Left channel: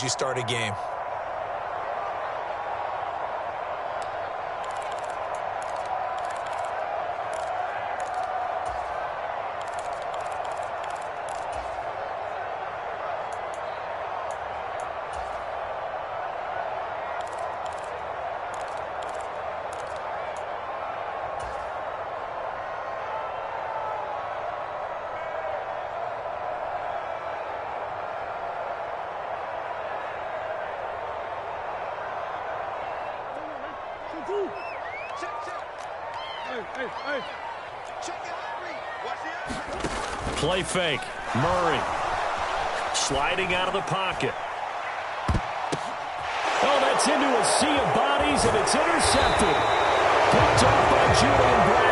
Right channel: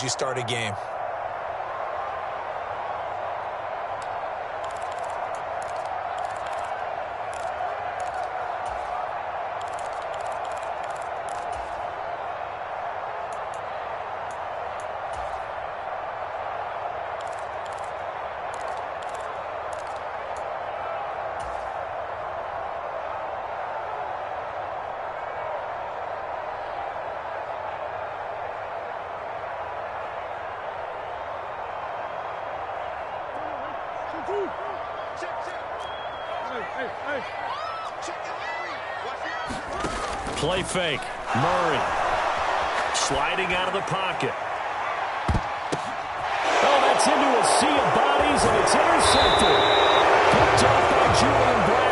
You start a game. Play fake. Murray sliding out of the pocket. Oh, that's into a sea of bodies, and it's intercepted. Picked off by Julian Black.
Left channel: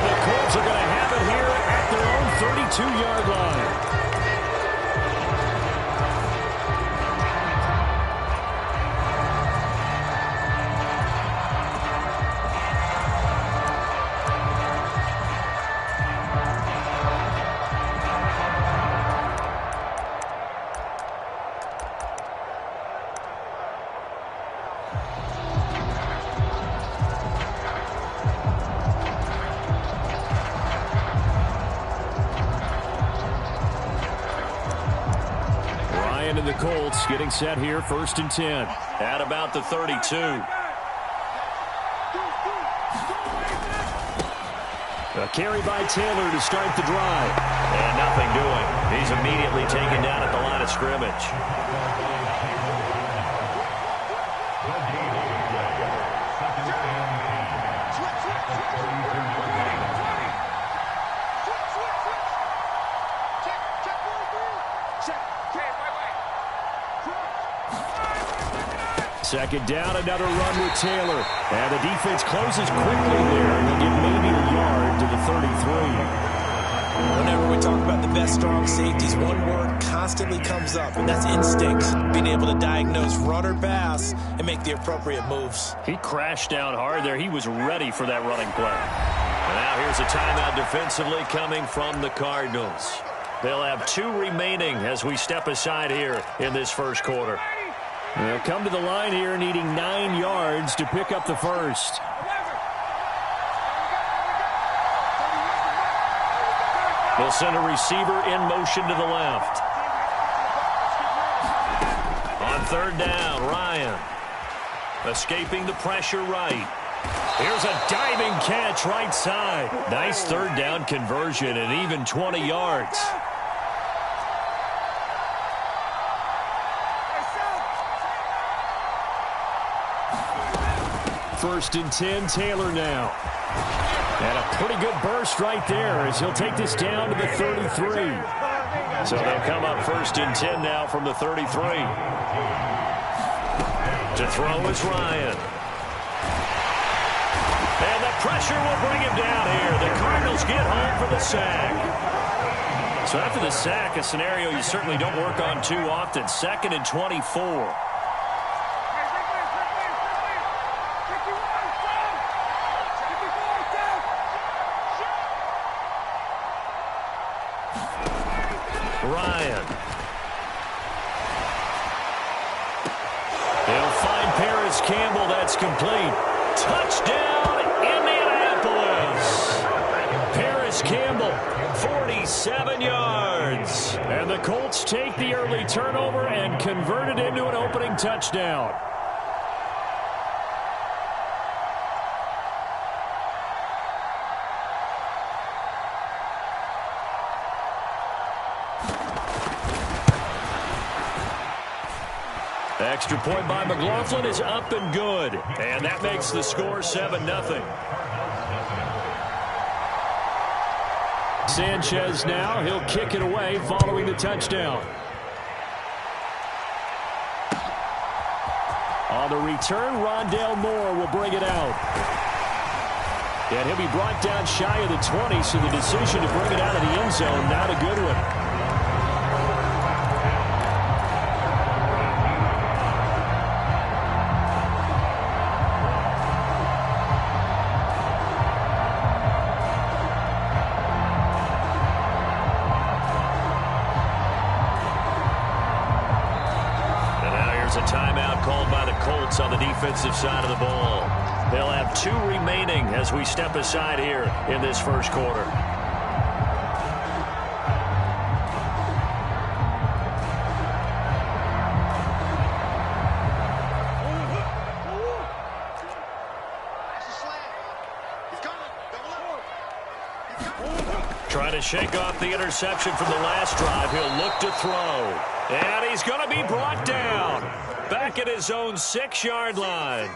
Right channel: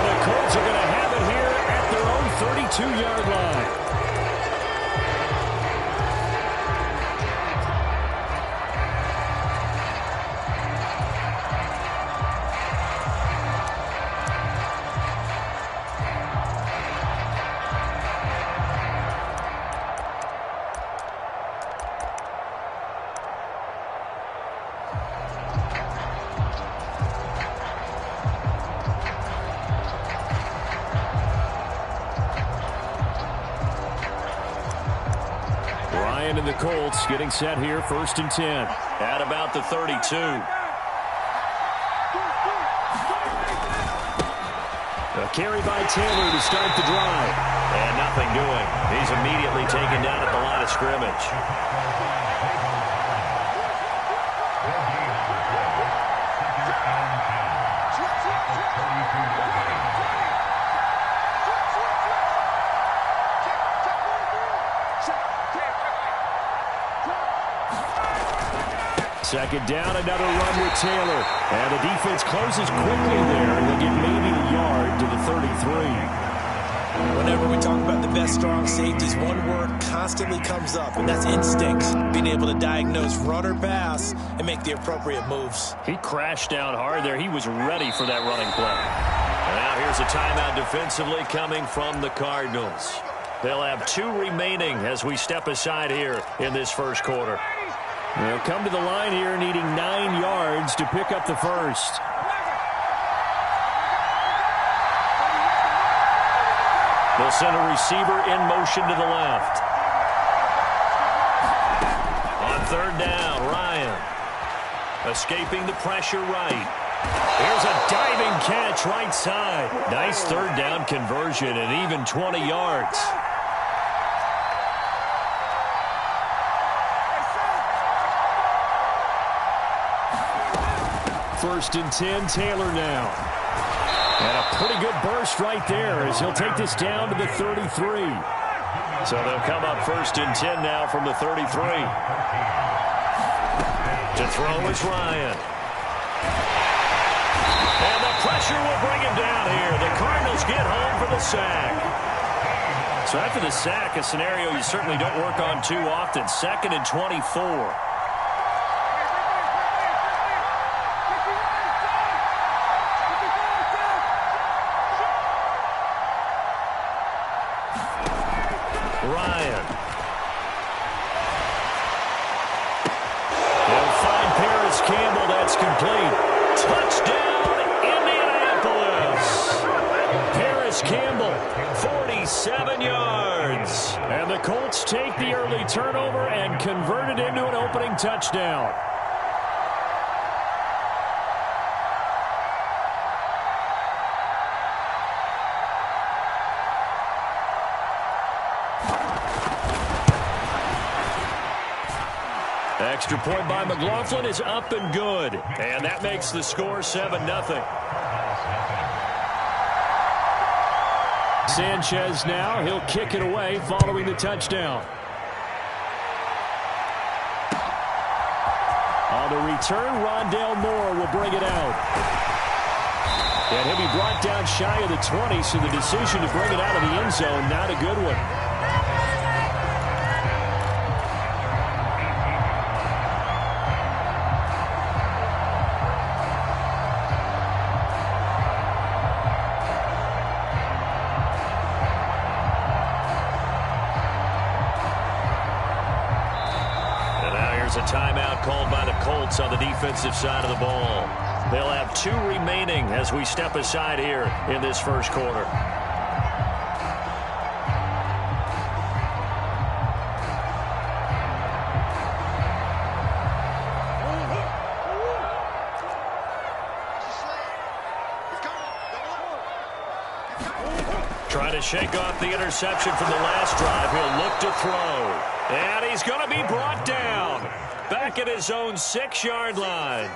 And the Colts are going to have it here at their own 32-yard line. And the Colts getting set here, 1st and 10. At about the 32. A carry by Taylor to start the drive. And nothing doing. He's immediately taken down at the line of scrimmage. Second down, another run with Taylor. And the defense closes quickly there, and they'll get maybe a yard to the 33. Whenever we talk about the best strong safeties, one word constantly comes up, and that's instinct. Being able to diagnose run or pass and make the appropriate moves. He crashed down hard there. He was ready for that running play. And now here's a timeout defensively coming from the Cardinals. They'll have 2 remaining as we step aside here in this first quarter. They'll come to the line here needing 9 yards to pick up the first. They'll send a receiver in motion to the left. On 3rd down, Ryan. Escaping the pressure right. Here's a diving catch right side. Nice 3rd down conversion and even 20 yards. 1st and 10, Taylor now. And a pretty good burst right there as he'll take this down to the 33. So they'll come up 1st and 10 now from the 33. To throw is Ryan. And the pressure will bring him down here. The Cardinals get home for the sack. So after the sack, a scenario you certainly don't work on too often. 2nd and 24. Ryan. He'll find Paris Campbell. That's complete. Touchdown, Indianapolis. Paris Campbell, 47 yards. And the Colts take the early turnover and convert it into an opening touchdown. Extra point by McLaughlin is up and good. And that makes the score 7-0. Sanchez now. He'll kick it away following the touchdown. On the return, Rondale Moore will bring it out. And he'll be brought down shy of the 20, so the decision to bring it out of the end zone, not a good one. A timeout called by the Colts on the defensive side of the ball. They'll have 2 remaining as we step aside here in this first quarter. Trying to shake off the interception from the last drive. He'll look to throw. And he's going to be brought down. Back at his own 6-yard line.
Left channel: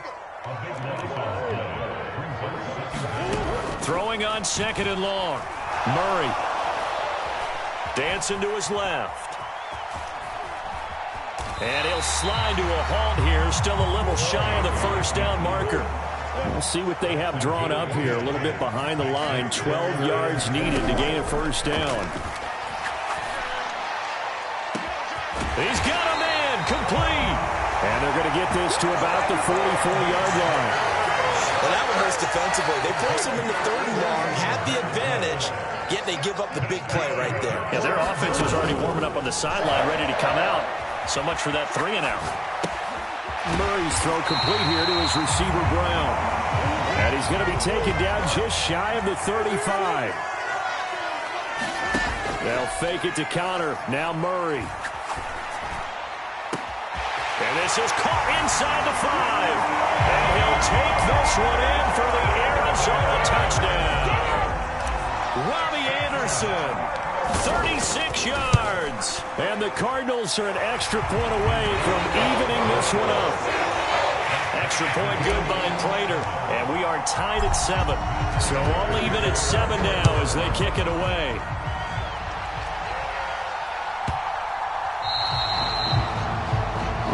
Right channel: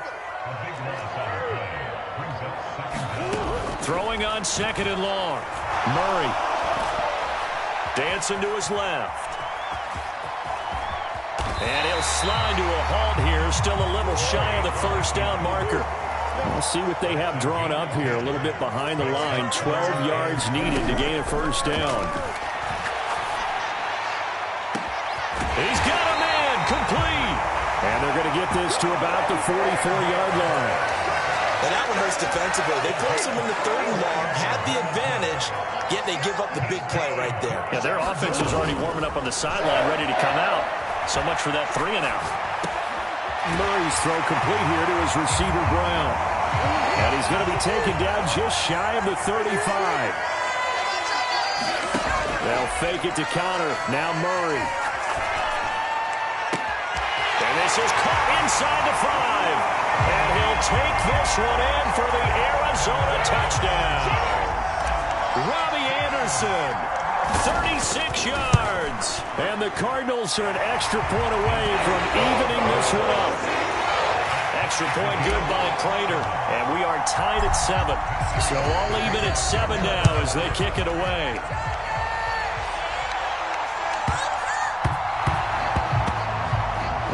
Throwing on 2nd and long. Murray. Dancing to his left. And he'll slide to a halt here. Still a little shy of the 1st down marker. We'll see what they have drawn up here. A little bit behind the line. 12 yards needed to gain a first down. He's got a man complete. And they're going to get this to about the 44-yard line. And that one hurts defensively. They force him into 3rd and long, had the advantage, yet they give up the big play right there. Yeah, their offense was already warming up on the sideline, ready to come out. So much for that 3-and-out. Murray's throw complete here to his receiver, Brown. And he's going to be taken down just shy of the 35. They'll fake it to counter. Now Murray. And this is caught inside the 5. And he'll take this one in for the Arizona touchdown. Robbie Anderson, 36 yards. And the Cardinals are an extra point away from evening this one up. Extra point good by Prater. And we are tied at 7. So all even at 7 now as they kick it away.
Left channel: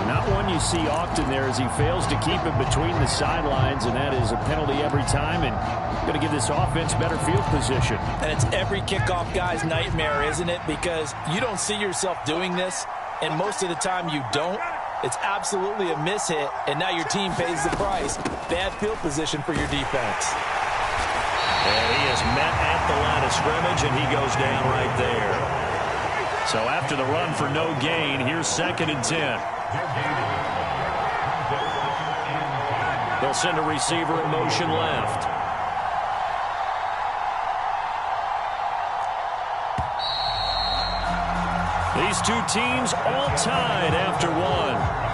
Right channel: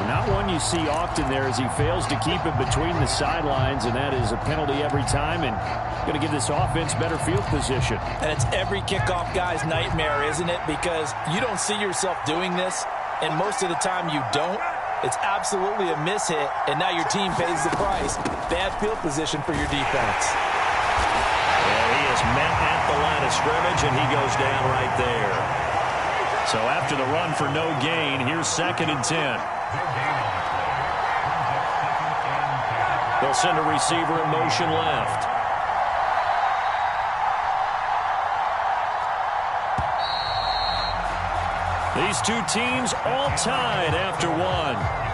Not one you see often there as he fails to keep it between the sidelines, and that is a penalty every time, and going to give this offense better field position. And it's every kickoff guy's nightmare, isn't it? Because you don't see yourself doing this, and most of the time you don't. It's absolutely a mishit, and now your team pays the price. Bad field position for your defense. And he is met at the line of scrimmage, and he goes down right there. So after the run for no gain, here's 2nd and 10. They'll send a receiver in motion left. These two teams all tied after 1.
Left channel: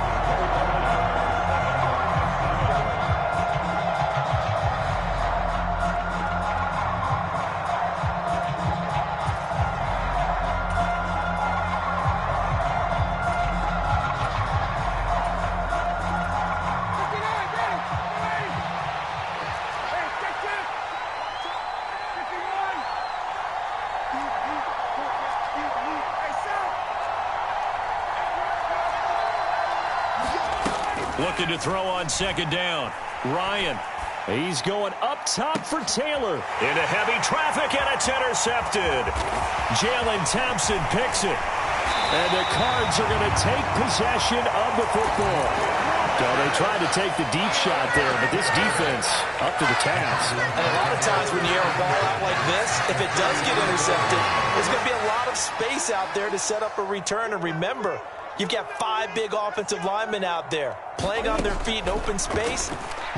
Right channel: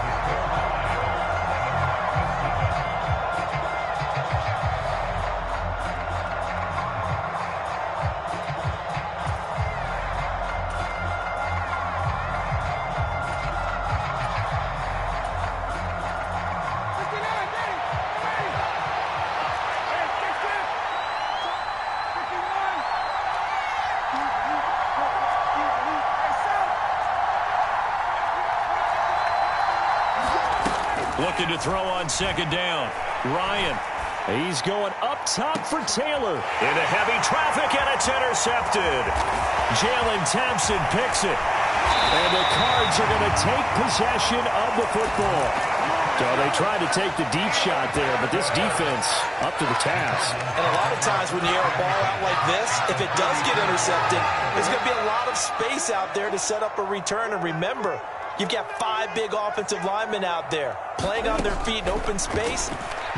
Looking to throw on 2nd down. Ryan. He's going up top for Taylor. Into heavy traffic, and it's intercepted. Jalen Thompson picks it. And the Cards are going to take possession of the football. So they tried to take the deep shot there, but this defense up to the task. And a lot of times when you air a ball out like this, if it does get intercepted, there's going to be a lot of space out there to set up a return. And remember, you've got 5 big offensive linemen out there playing on their feet in open space.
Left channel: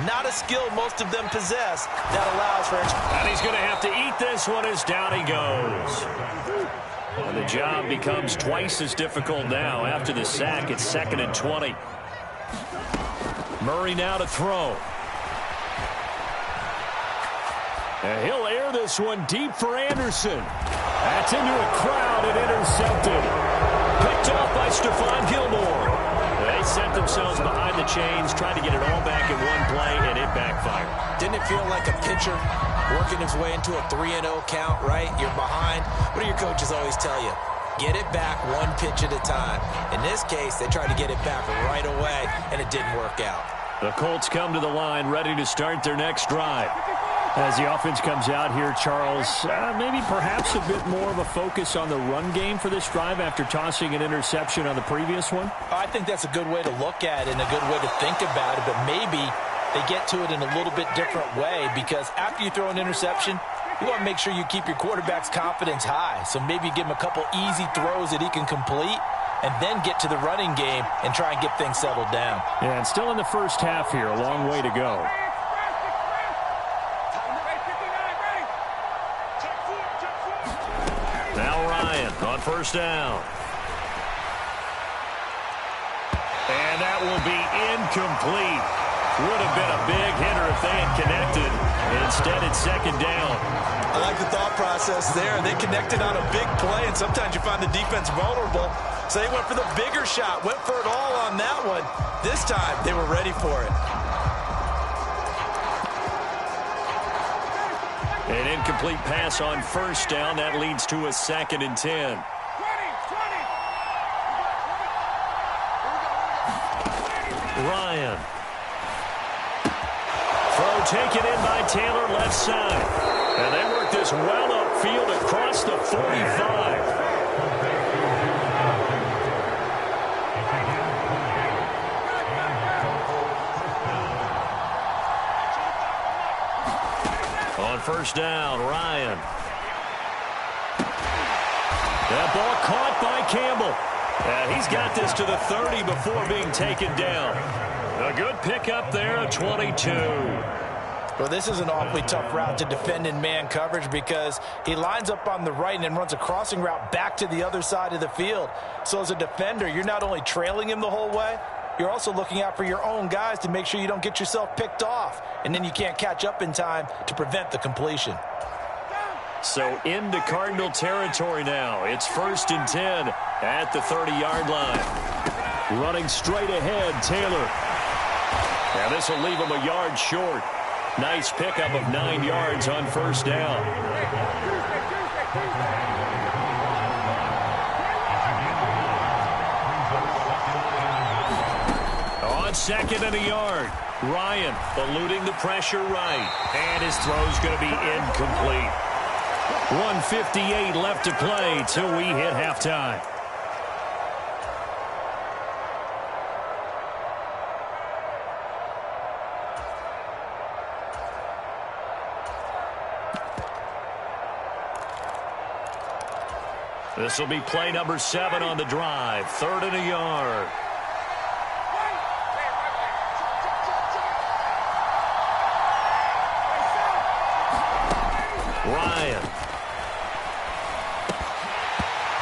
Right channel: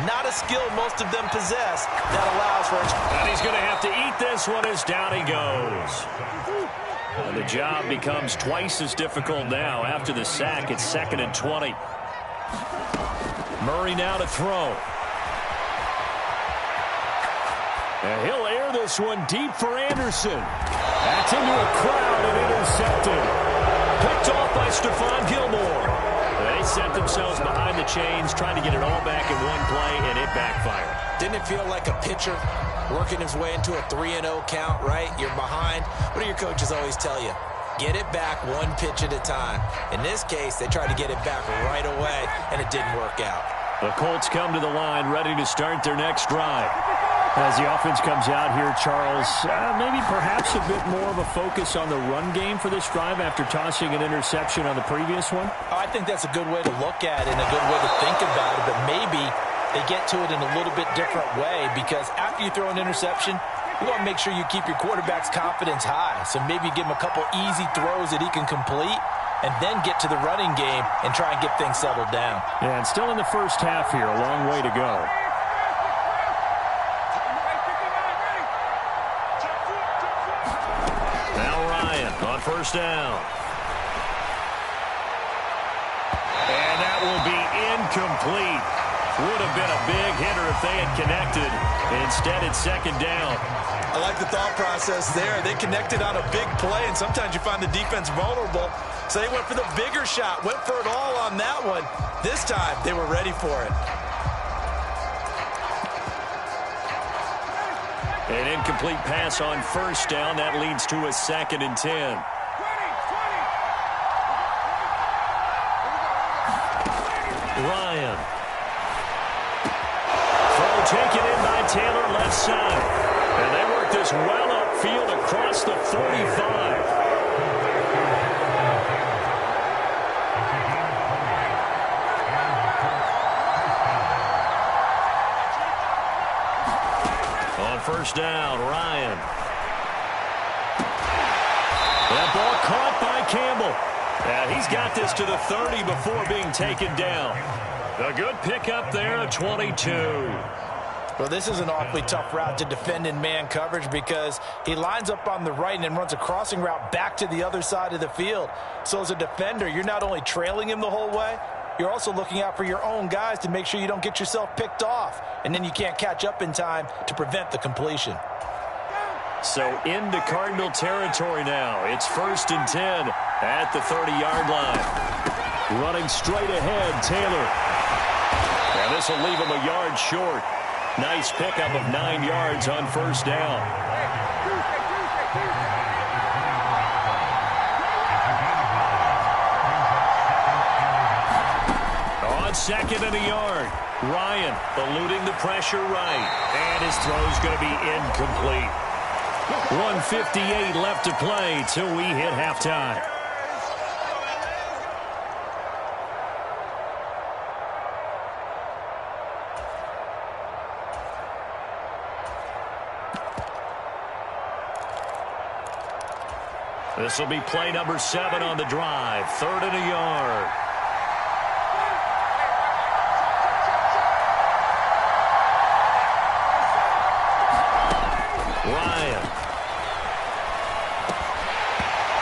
Not a skill most of them possess that allows for extra. And he's going to have to eat this one as down he goes. And the job becomes twice as difficult now after the sack. It's 2nd and 20. Murray now to throw. And he'll air this one deep for Anderson. That's into a crowd and intercepted. Picked off by Stephon Gilmore. They set themselves behind the chains, trying to get it all back in one play, and it backfired. Didn't it feel like a pitcher working his way into a 3-0 count, right? You're behind. What do your coaches always tell you? Get it back one pitch at a time. In this case, they tried to get it back right away, and it didn't work out. The Colts come to the line, ready to start their next drive. As the offense comes out here, Charles, maybe perhaps a bit more of a focus on the run game for this drive after tossing an interception on the previous one? I think that's a good way to look at it and a good way to think about it, but maybe they get to it in a little bit different way, because after you throw an interception, you want to make sure you keep your quarterback's confidence high. So maybe give him a couple easy throws that he can complete, and then get to the running game and try and get things settled down. Yeah, and still in the first half here, a long way to go. Now Ryan on 1st down. And that will be incomplete. Would have been a big hitter if they had connected. Instead, it's 2nd down. I like the thought process there. They connected on a big play, and sometimes you find the defense vulnerable. So they went for the bigger shot, went for it all on that one. This time, they were ready for it. An incomplete pass on 1st down. That leads to a 2nd and 10. Ryan. Throw taken in by Taylor left side. And they work this well upfield across the 45. On first down, Ryan. That ball caught by Campbell. And he's got this to the 30 before being taken down. A good pickup there at 22. Well, this is an awfully tough route to defend in man coverage because he lines up on the right and then runs a crossing route back to the other side of the field. So as a defender, you're not only trailing him the whole way, you're also looking out for your own guys to make sure you don't get yourself picked off. And then you can't catch up in time to prevent the completion. So into Cardinal territory now. It's 1st and 10 at the 30-yard line. Running straight ahead, Taylor. And this will leave him a yard short. Nice pickup of 9 yards on first down. On 2nd and a yard, Ryan eluding the pressure right. And his throw's going to be incomplete. 1:58 left to play till we hit halftime. This will be play number 7 on the drive. 3rd and a yard. Ryan.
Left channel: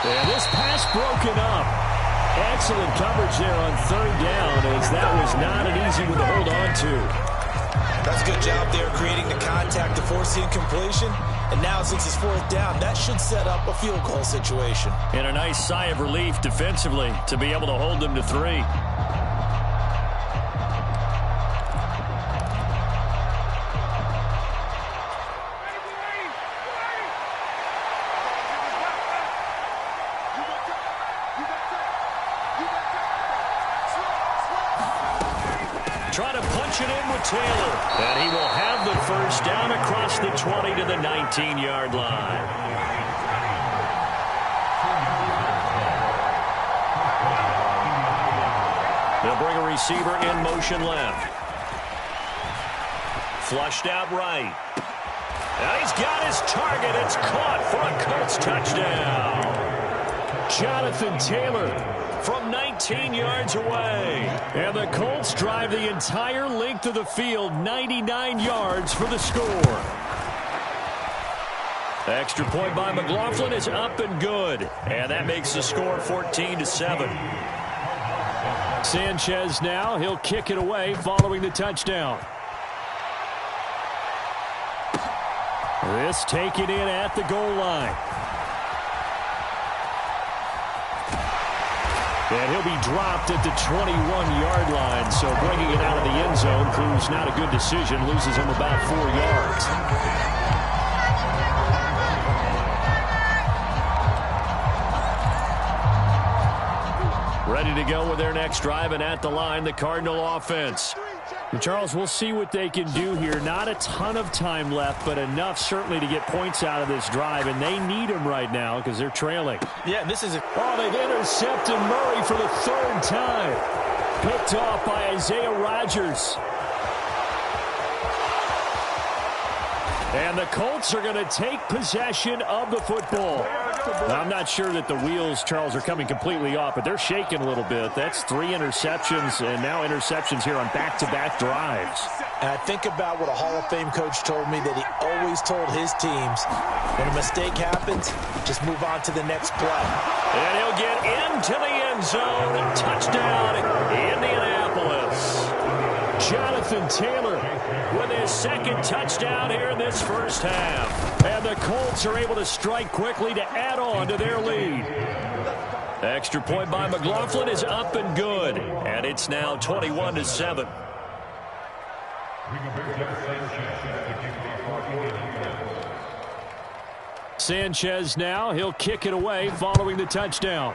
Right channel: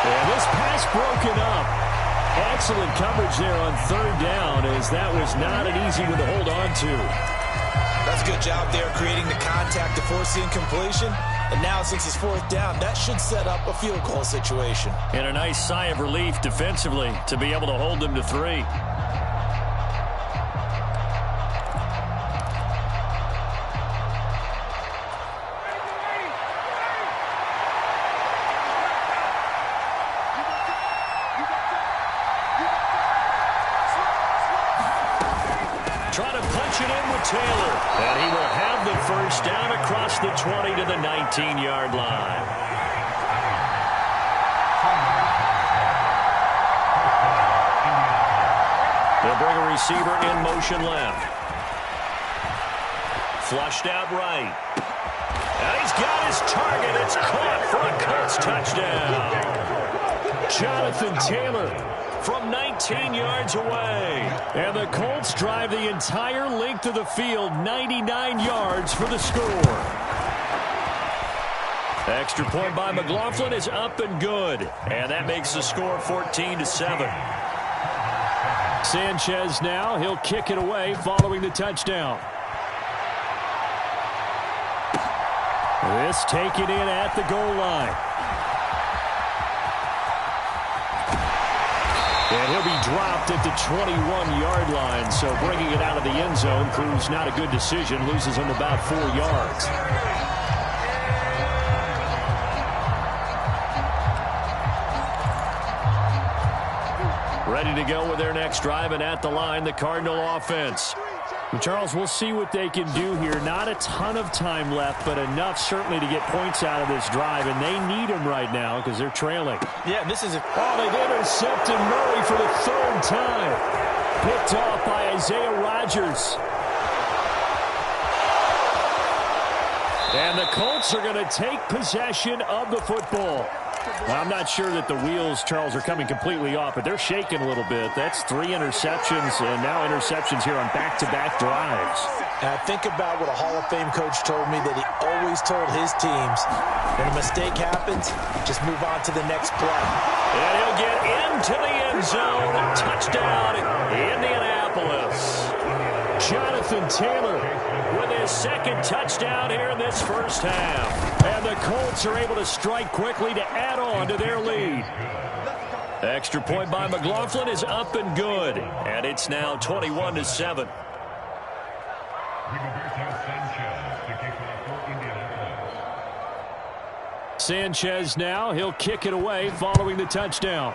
And this pass broken up. Excellent coverage there on 3rd down, as that was not an easy one to hold on to. That's a good job there creating the contact to force the incompletion. And now since it's 4th down, that should set up a field goal situation. And a nice sigh of relief defensively to be able to hold them to 3. Trying to punch it in with Taylor. And he will have the first down across the 20 to the 19-yard line. They'll bring a receiver in motion left. Flushed out right. And he's got his target. It's caught for a Colts touchdown. Jonathan Taylor from 19 yards away. And the Colts drive the entire length of the field, 99 yards for the score. Extra point by McLaughlin is up and good. And that makes the score 14-7. Sanchez now, he'll kick it away following the touchdown. This taken in at the goal line. And he'll be dropped at the 21-yard line, so bringing it out of the end zone proves not a good decision, loses him about 4 yards. Ready to go with their next drive, and at the line, the Cardinal offense. And Charles, we'll see what they can do here. Not a ton of time left, but enough certainly to get points out of this drive, and they need them right now because they're trailing. Yeah, this is Oh, they've intercepted Murray for the 3rd time. Picked off by Isaiah Rodgers. And the Colts are going to take possession of the football. Now, I'm not sure that the wheels, Charles, are coming completely off, but they're shaking a little bit. That's 3 interceptions, and now interceptions here on back-to-back drives. And I think about what a Hall of Fame coach told me that he always told his teams, when a mistake happens, just move on to the next play. And he'll get into the end zone. Touchdown, Indianapolis. Jonathan Taylor with his 2nd touchdown here in this first half. And the Colts are able to strike quickly to add on to their lead. Extra point by McLaughlin is up and good. And it's now 21-7. Sanchez now, he'll kick it away following the touchdown.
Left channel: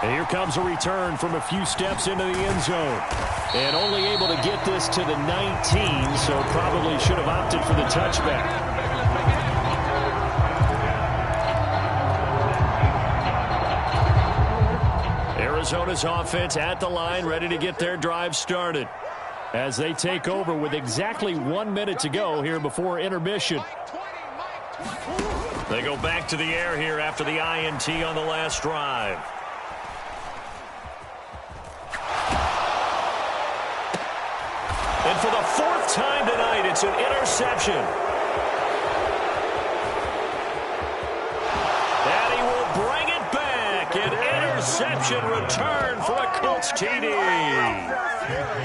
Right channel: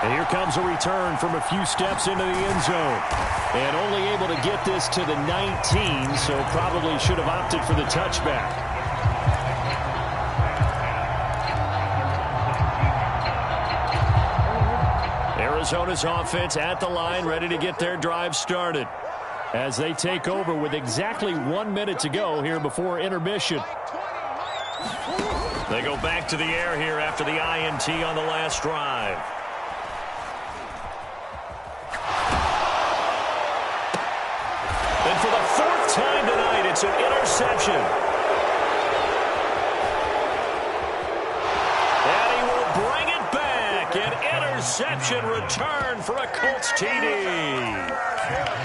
And here comes a return from a few steps into the end zone. And only able to get this to the 19, so probably should have opted for the touchback. Arizona's offense at the line, ready to get their drive started as they take over with exactly 1 minute to go here before intermission. They go back to the air here after the INT on the last drive. And for the fourth time tonight, it's an interception. And he will bring it back. An interception return for a Colts TD.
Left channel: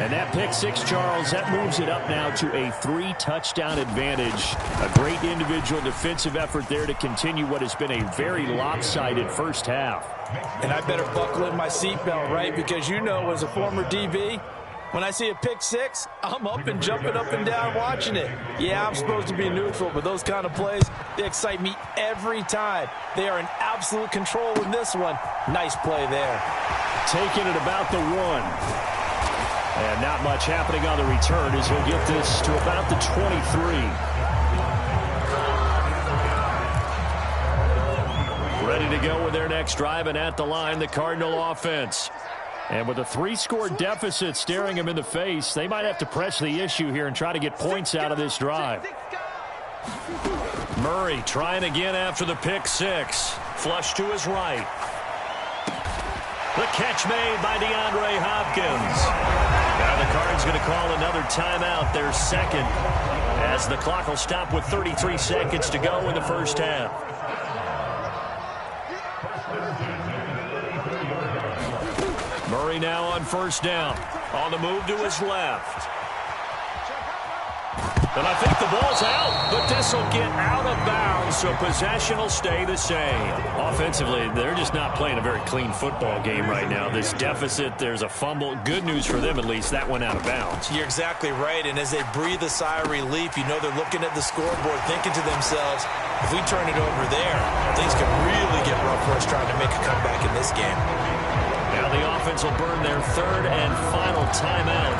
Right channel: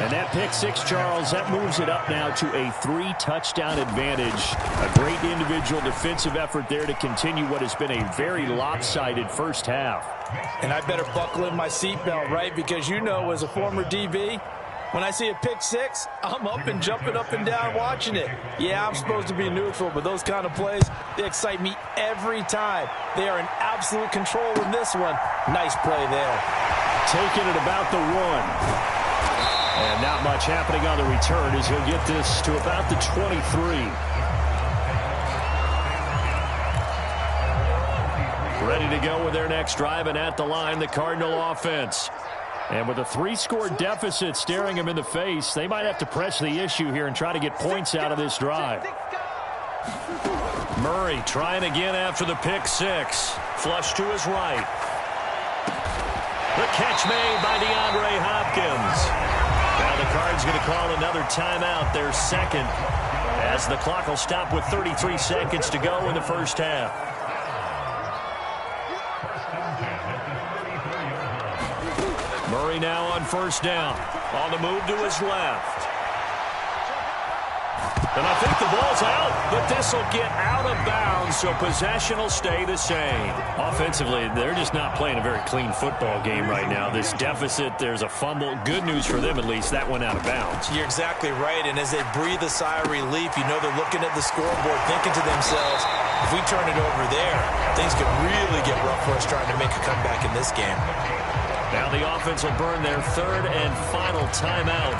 And that pick six, Charles, that moves it up now to a 3-touchdown advantage. A great individual defensive effort there to continue what has been a very lopsided first half. And I better buckle in my seatbelt, right? Because you know, as a former DB, when I see a pick six, I'm up and jumping up and down watching it. Yeah, I'm supposed to be neutral, but those kind of plays, they excite me every time. They are in absolute control in this one. Nice play there. Taking it about the 1. And not much happening on the return as he'll get this to about the 23. Ready to go with their next drive, and at the line, the Cardinal offense. And with a 3-score deficit staring him in the face, they might have to press the issue here and try to get points out of this drive. Murray trying again after the pick six. Flush to his right. The catch made by DeAndre Hopkins. Now the Cards going to call another timeout, their second, as the clock will stop with 33 seconds to go in the first half. Murray now on first down. On the move to his left. And I think the ball's out, but this will get out of bounds, so possession will stay the same. Offensively, they're just not playing a very clean football game right now. This deficit, there's a fumble. Good news for them, at least. That went out of bounds. You're exactly right, and as they breathe a sigh of relief, you know they're looking at the scoreboard, thinking to themselves, if we turn it over there, things could really get rough for us trying to make a comeback in this game. Now the offense will burn their third and final timeout.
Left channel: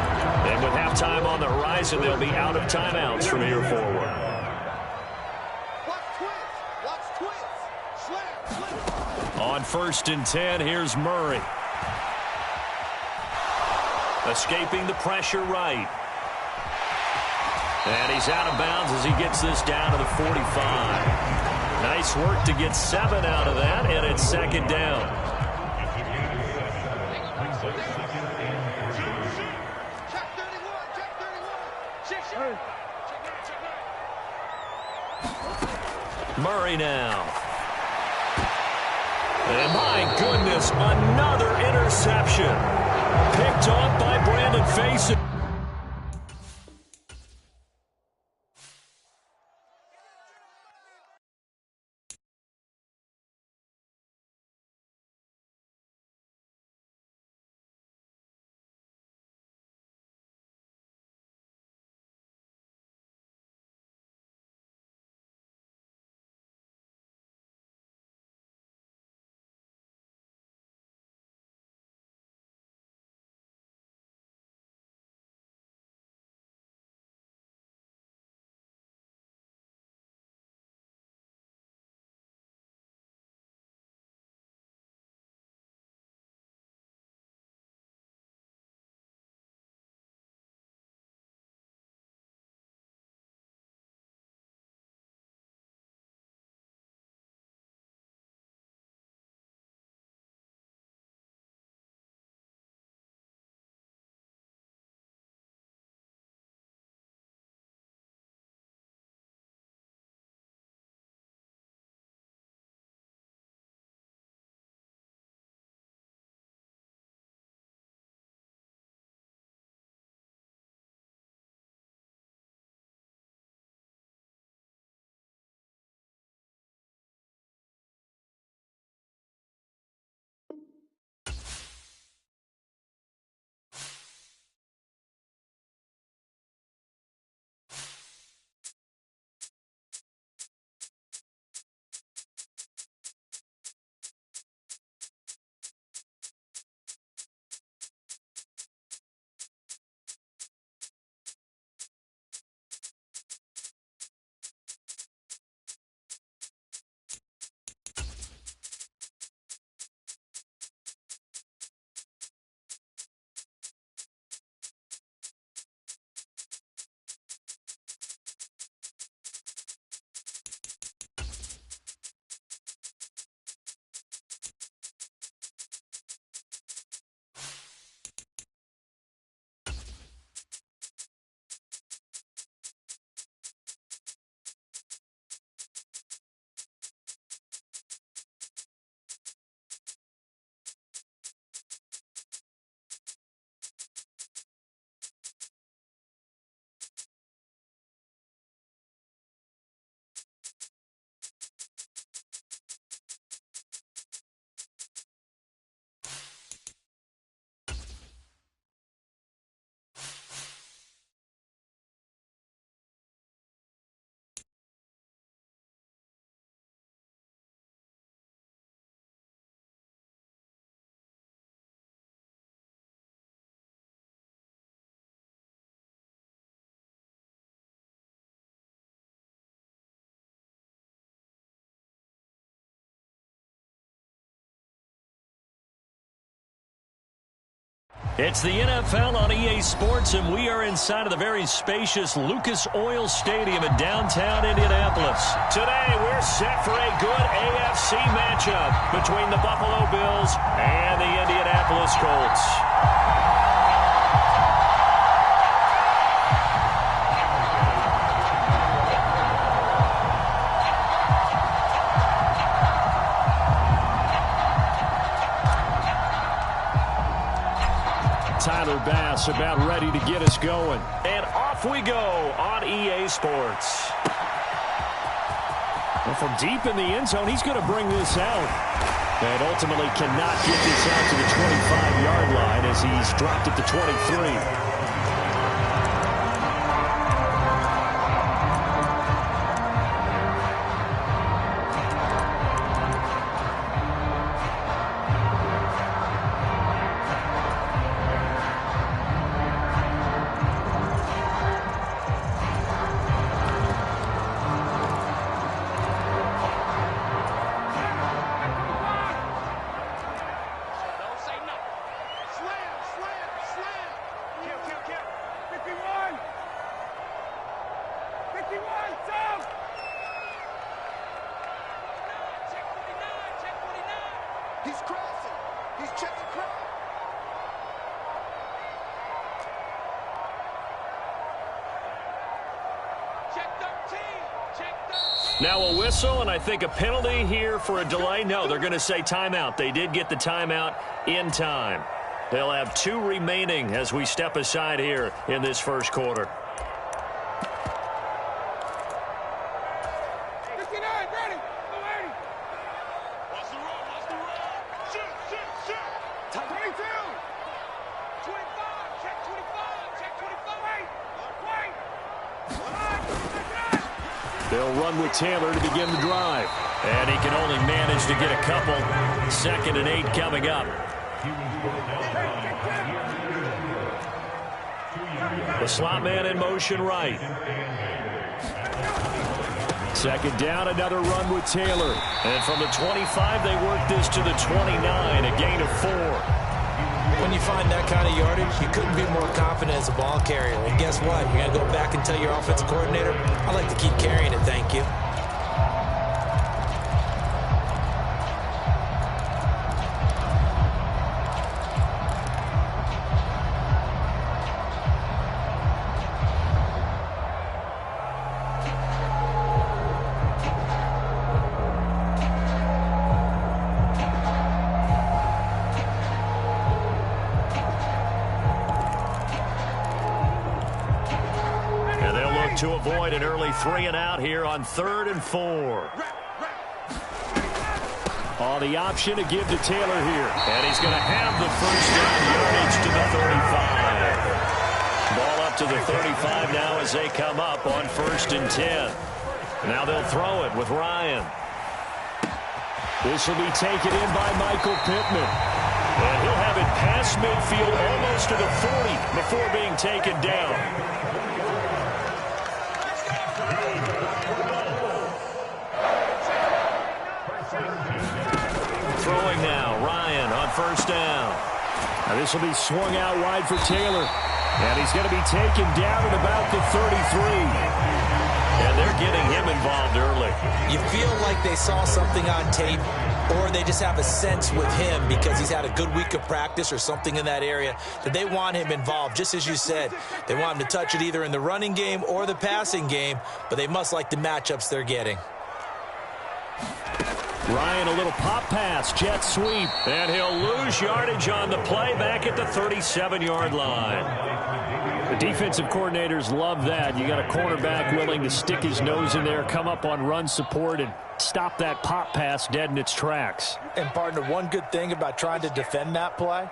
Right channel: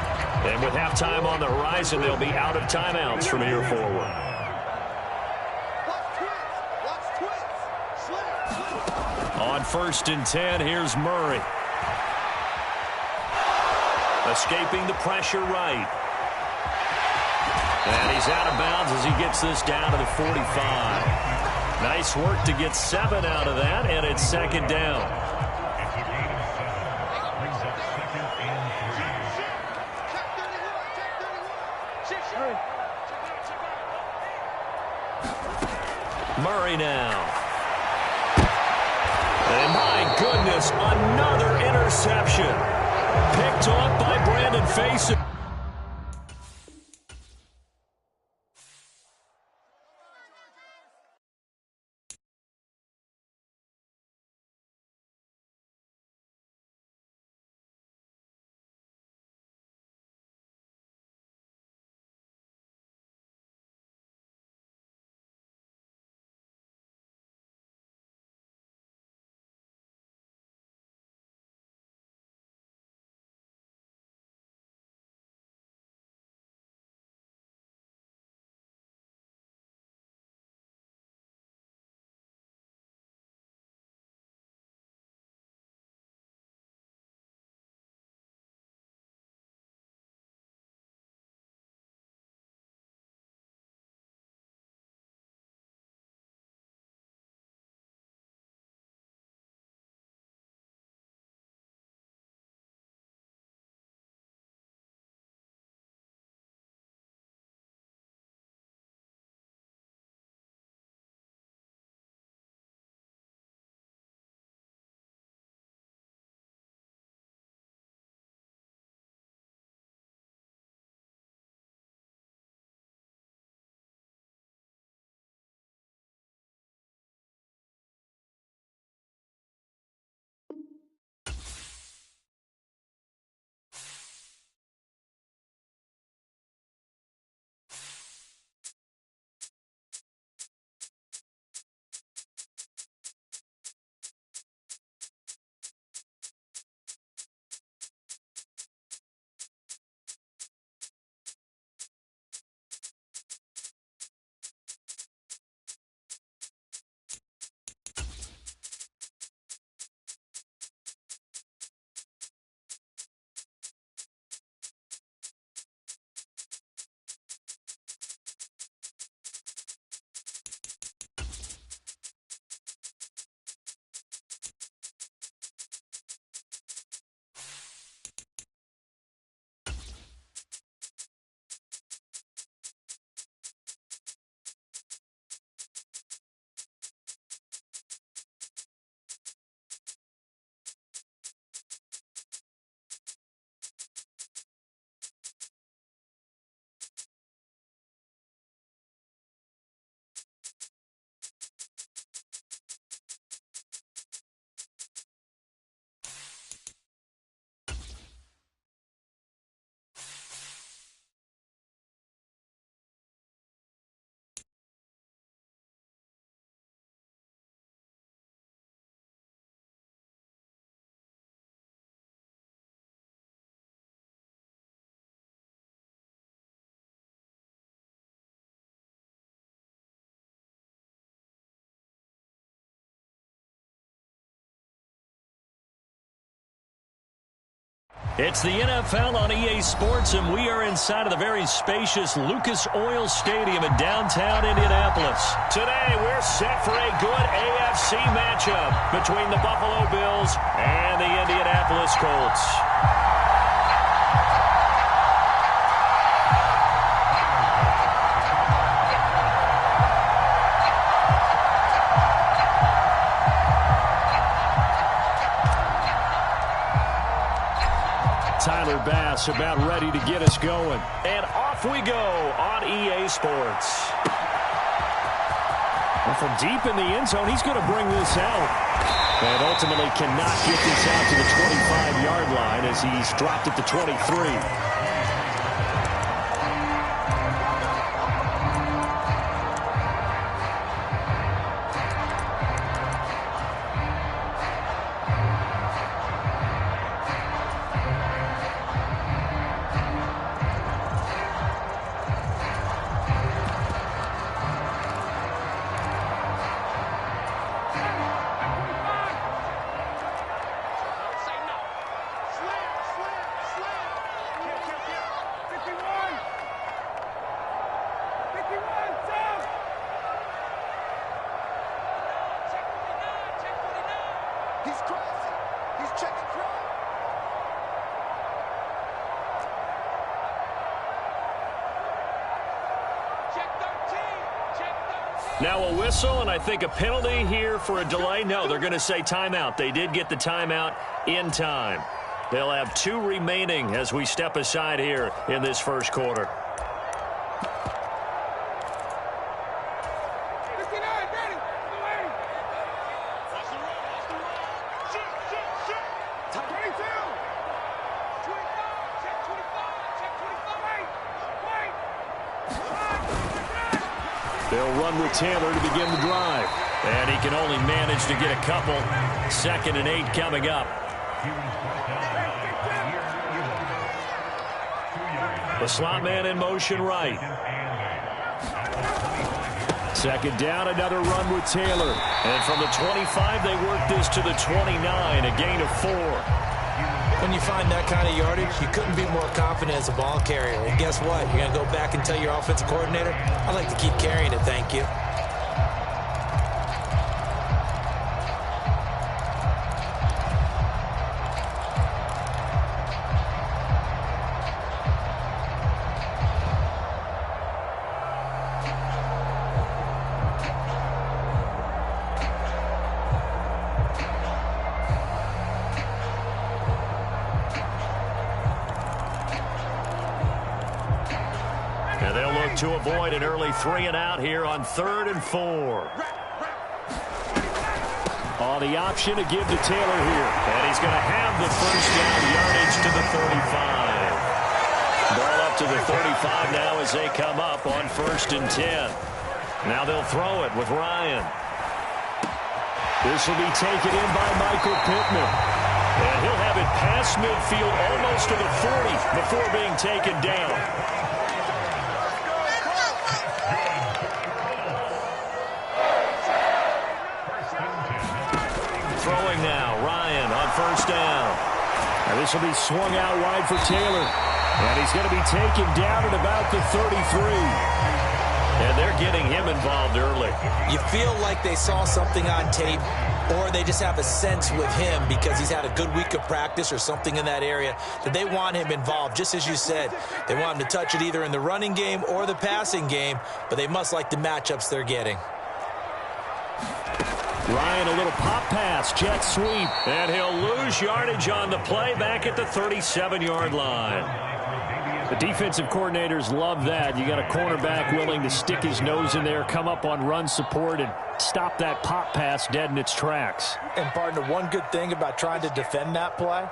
And with halftime on the horizon, they'll be out of timeouts from here forward. On 1st and 10, here's Murray. Escaping the pressure right. And he's out of bounds as he gets this down to the 45. Nice work to get 7 out of that, and it's second down. Murray now. And my goodness, another interception. Picked off by Brandon Facyson. It's the NFL on EA Sports, and we are inside of the very spacious Lucas Oil Stadium in downtown Indianapolis. Today, we're set for a good AFC matchup between the Buffalo Bills and the Indianapolis Colts. Tyler Bass about ready to get us going. And off we go on EA Sports. Well, from deep in the end zone, he's going to bring this out. And ultimately cannot get this out to the 25-yard line as he's dropped at the 23. He's crashing. He's checking crash. Check 13. Check 13. Now a whistle, and I think a penalty here for a delay. No, they're going to say timeout. They did get the timeout in time. They'll have 2 remaining as we step aside here in this first quarter. They'll run with Taylor to begin the drive. And he can only manage to get a couple. 2nd and 8 coming up. The slot man in motion right. 2nd down, another run with Taylor. And from the 25, they work this to the 29, a gain of 4. When you find that kind of yardage, you couldn't be more confident as a ball carrier. And guess what? You're going to go back and tell your offensive coordinator, I'd like to keep carrying it, thank you. To avoid an early 3-and-out here on 3rd and 4. On the option to give to Taylor here. And he's going to have the first down yardage to the 35. Ball up to the 35 now as they come up on 1st and 10. Now they'll throw it with Ryan. This will be taken in by Michael Pittman. And he'll have it past midfield almost to the 40 before being taken down. Throwing now, Ryan on 1st down. Now this will be swung out wide for Taylor. And he's going to be taken down at about the 33. And they're getting him involved early. You feel like they saw something on tape, or they just have a sense with him because he's had a good week of practice or something in that area that they want him involved. Just as you said, they want him to touch it either in the running game or the passing game, but they must like the matchups they're getting. Ryan, a little pop pass, jet sweep, and he'll lose yardage on the play back at the 37-yard line. The defensive coordinators love that. You got a cornerback willing to stick his nose in there, come up on run support, and stop that pop pass dead in its tracks. And, partner, one good thing about trying to defend that play,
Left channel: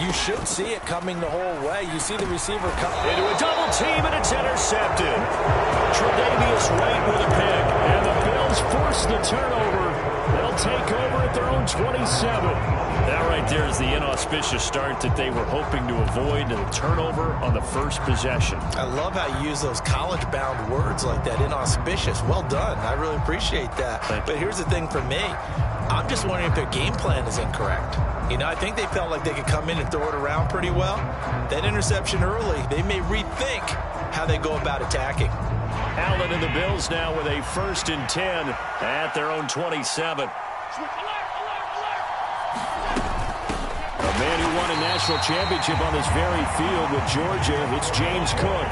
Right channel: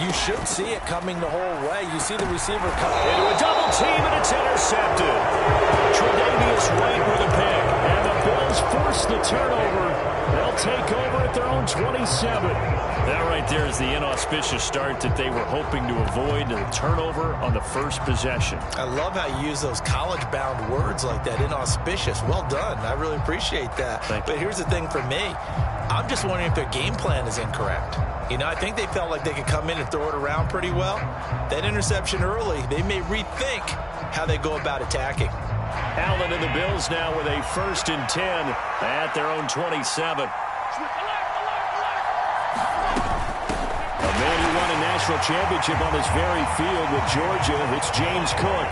you should see it coming the whole way. You see the receiver come into a double team, and it's intercepted. Tre'Davious White with a pick, and the Bills force the turnover. They'll take over at their own 27. That right there is the inauspicious start that they were hoping to avoid, and the turnover on the first possession. I love how you use those college-bound words like that, inauspicious. Well done. I really appreciate that. But here's the thing for me. I'm just wondering if their game plan is incorrect. You know, I think they felt like they could come in and throw it around pretty well. That interception early, they may rethink how they go about attacking. Allen and the Bills now with a 1st and 10 at their own 27. A man who won a national championship on this very field with Georgia, it's James Cook.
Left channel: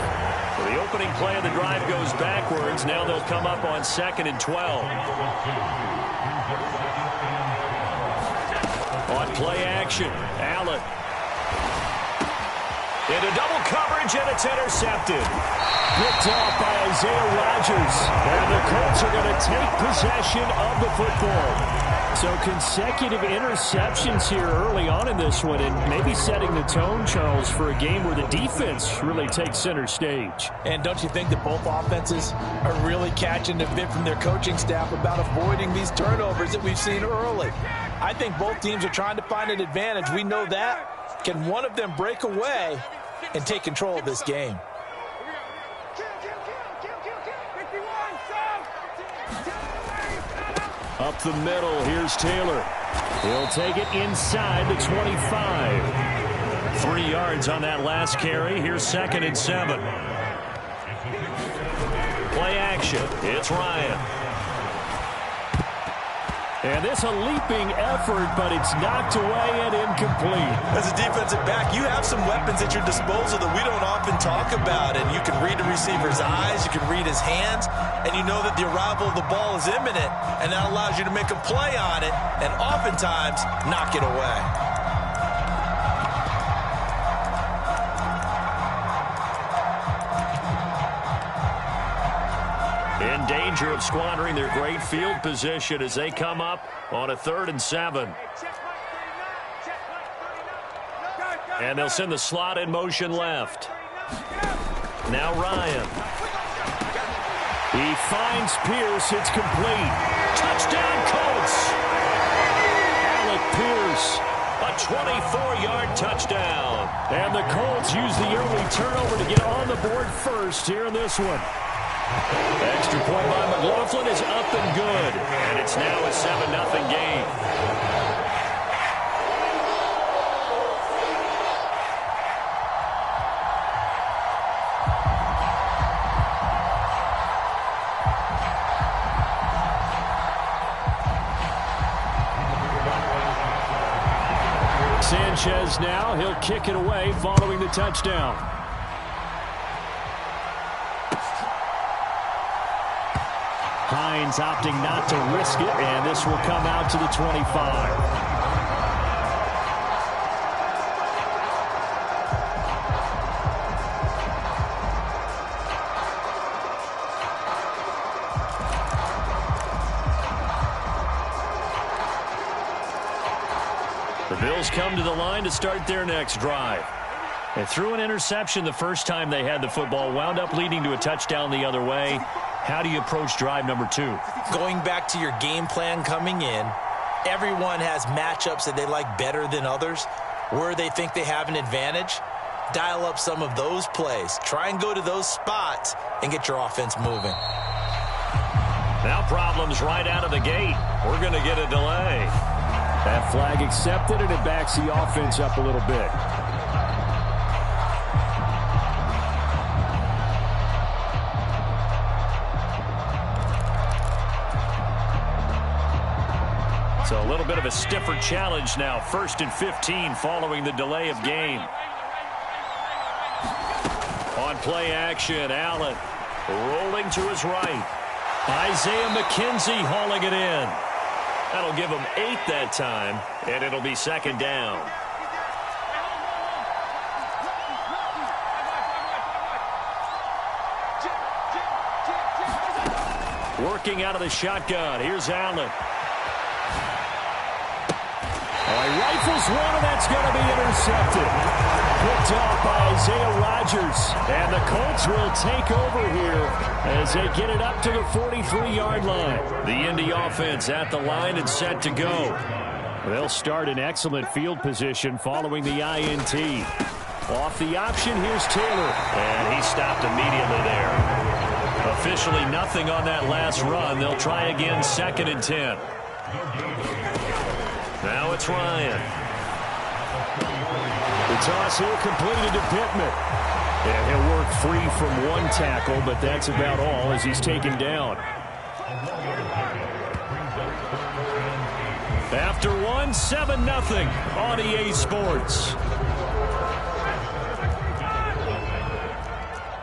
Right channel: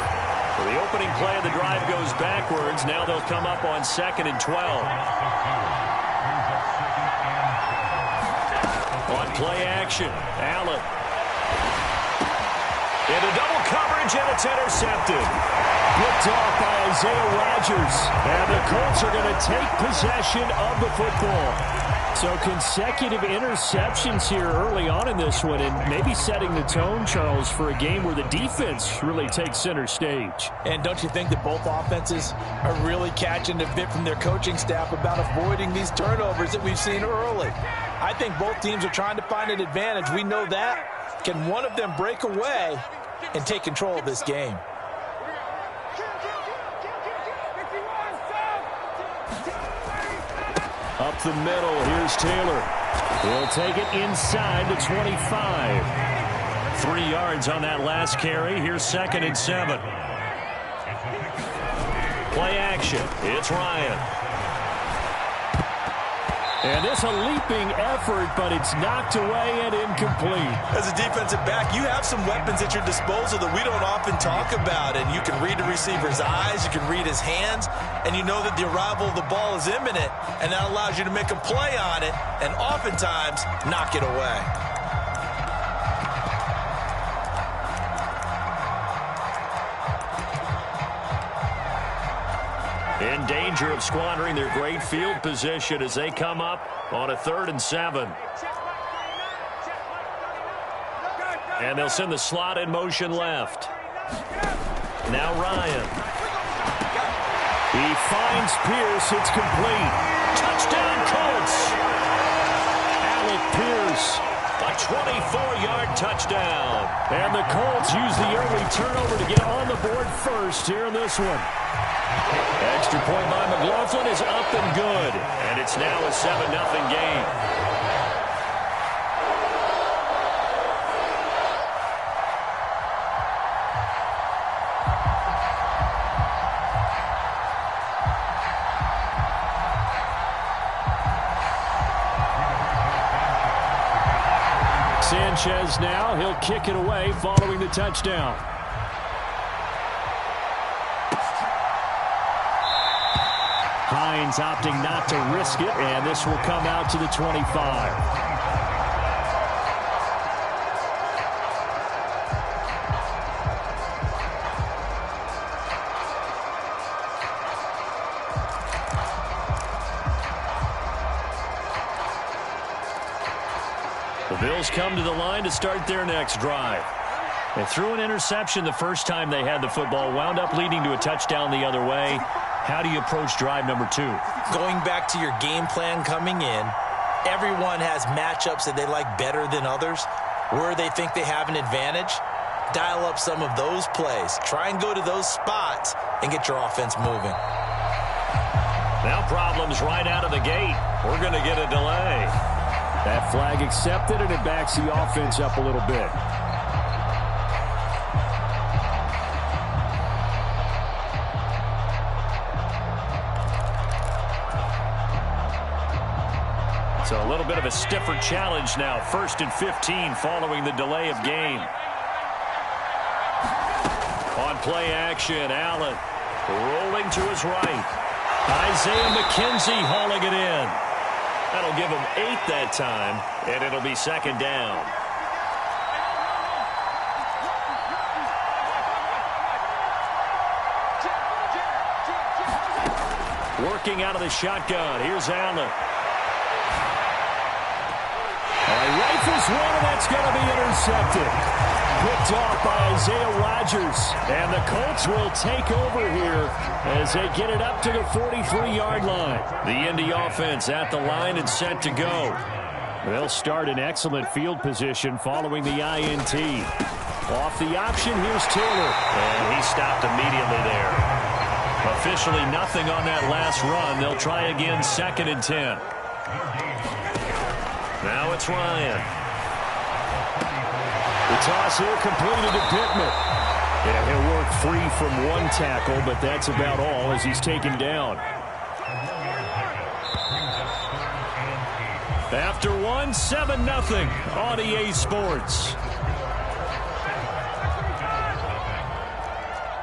Well, the opening play of the drive goes backwards. Now they'll come up on 2nd and 12. On play action, Allen. Into double coverage, and it's intercepted. Picked off by Isaiah Rodgers. And the Colts are going to take possession of the football. So consecutive interceptions here early on in this one, and maybe setting the tone, Charles, for a game where the defense really takes center stage. And don't you think that both offenses are really catching a bit from their coaching staff about avoiding these turnovers that we've seen early? I think both teams are trying to find an advantage. We know that. Can one of them break away and take control of this game? Up the middle, here's Taylor. He'll take it inside the 25. 3 yards on that last carry. Here's 2nd and 7. Play action. It's Ryan. And this a leaping effort, but it's knocked away and incomplete. As a defensive back, you have some weapons at your disposal that we don't often talk about. And you can read the receiver's eyes, you can read his hands, and you know that the arrival of the ball is imminent, and that allows you to make a play on it and oftentimes knock it away. In danger of squandering their great field position as they come up on a 3rd and 7. And they'll send the slot in motion left. Now Ryan. He finds Pierce. It's complete. Touchdown Colts. Alec Pierce. A 24-yard touchdown. And the Colts use the early turnover to get on the board first here in this one. Extra point by McLaughlin is up and good. And it's now a 7-0 game. Sanchez now, he'll kick it away following the touchdown. Hines opting not to risk it, and this will come out to the 25. The Bills come to the line to start their next drive. They threw an interception the first time they had the football, wound up leading to a touchdown the other way. How do you approach drive number 2? Going back to your game plan coming in, everyone has matchups that they like better than others. Where they think they have an advantage, dial up some of those plays. Try and go to those spots and get your offense moving. Now problems right out of the gate. We're going to get a delay. That flag accepted, and it backs the offense up a little bit. So a little bit of a stiffer challenge now. 1st and 15 following the delay of game. On play action, Allen rolling to his right. Isaiah McKenzie hauling it in. That'll give him 8 that time, and it'll be 2nd down. Working out of the shotgun. Here's Allen. All right, rifles one, and that's going to be intercepted. Picked off by Isaiah Rodgers. And the Colts will take over here as they get it up to the 43-yard line. The Indy offense at the line and set to go. They'll start in excellent field position following the INT. Off the option, here's Taylor. And he stopped immediately there. Officially nothing on that last run. They'll try again 2nd and 10. Now it's Ryan. The toss here completed to Pittman. Yeah, he'll work free from one tackle, but that's about all as he's taken down. After one, 7-0 on EA Sports.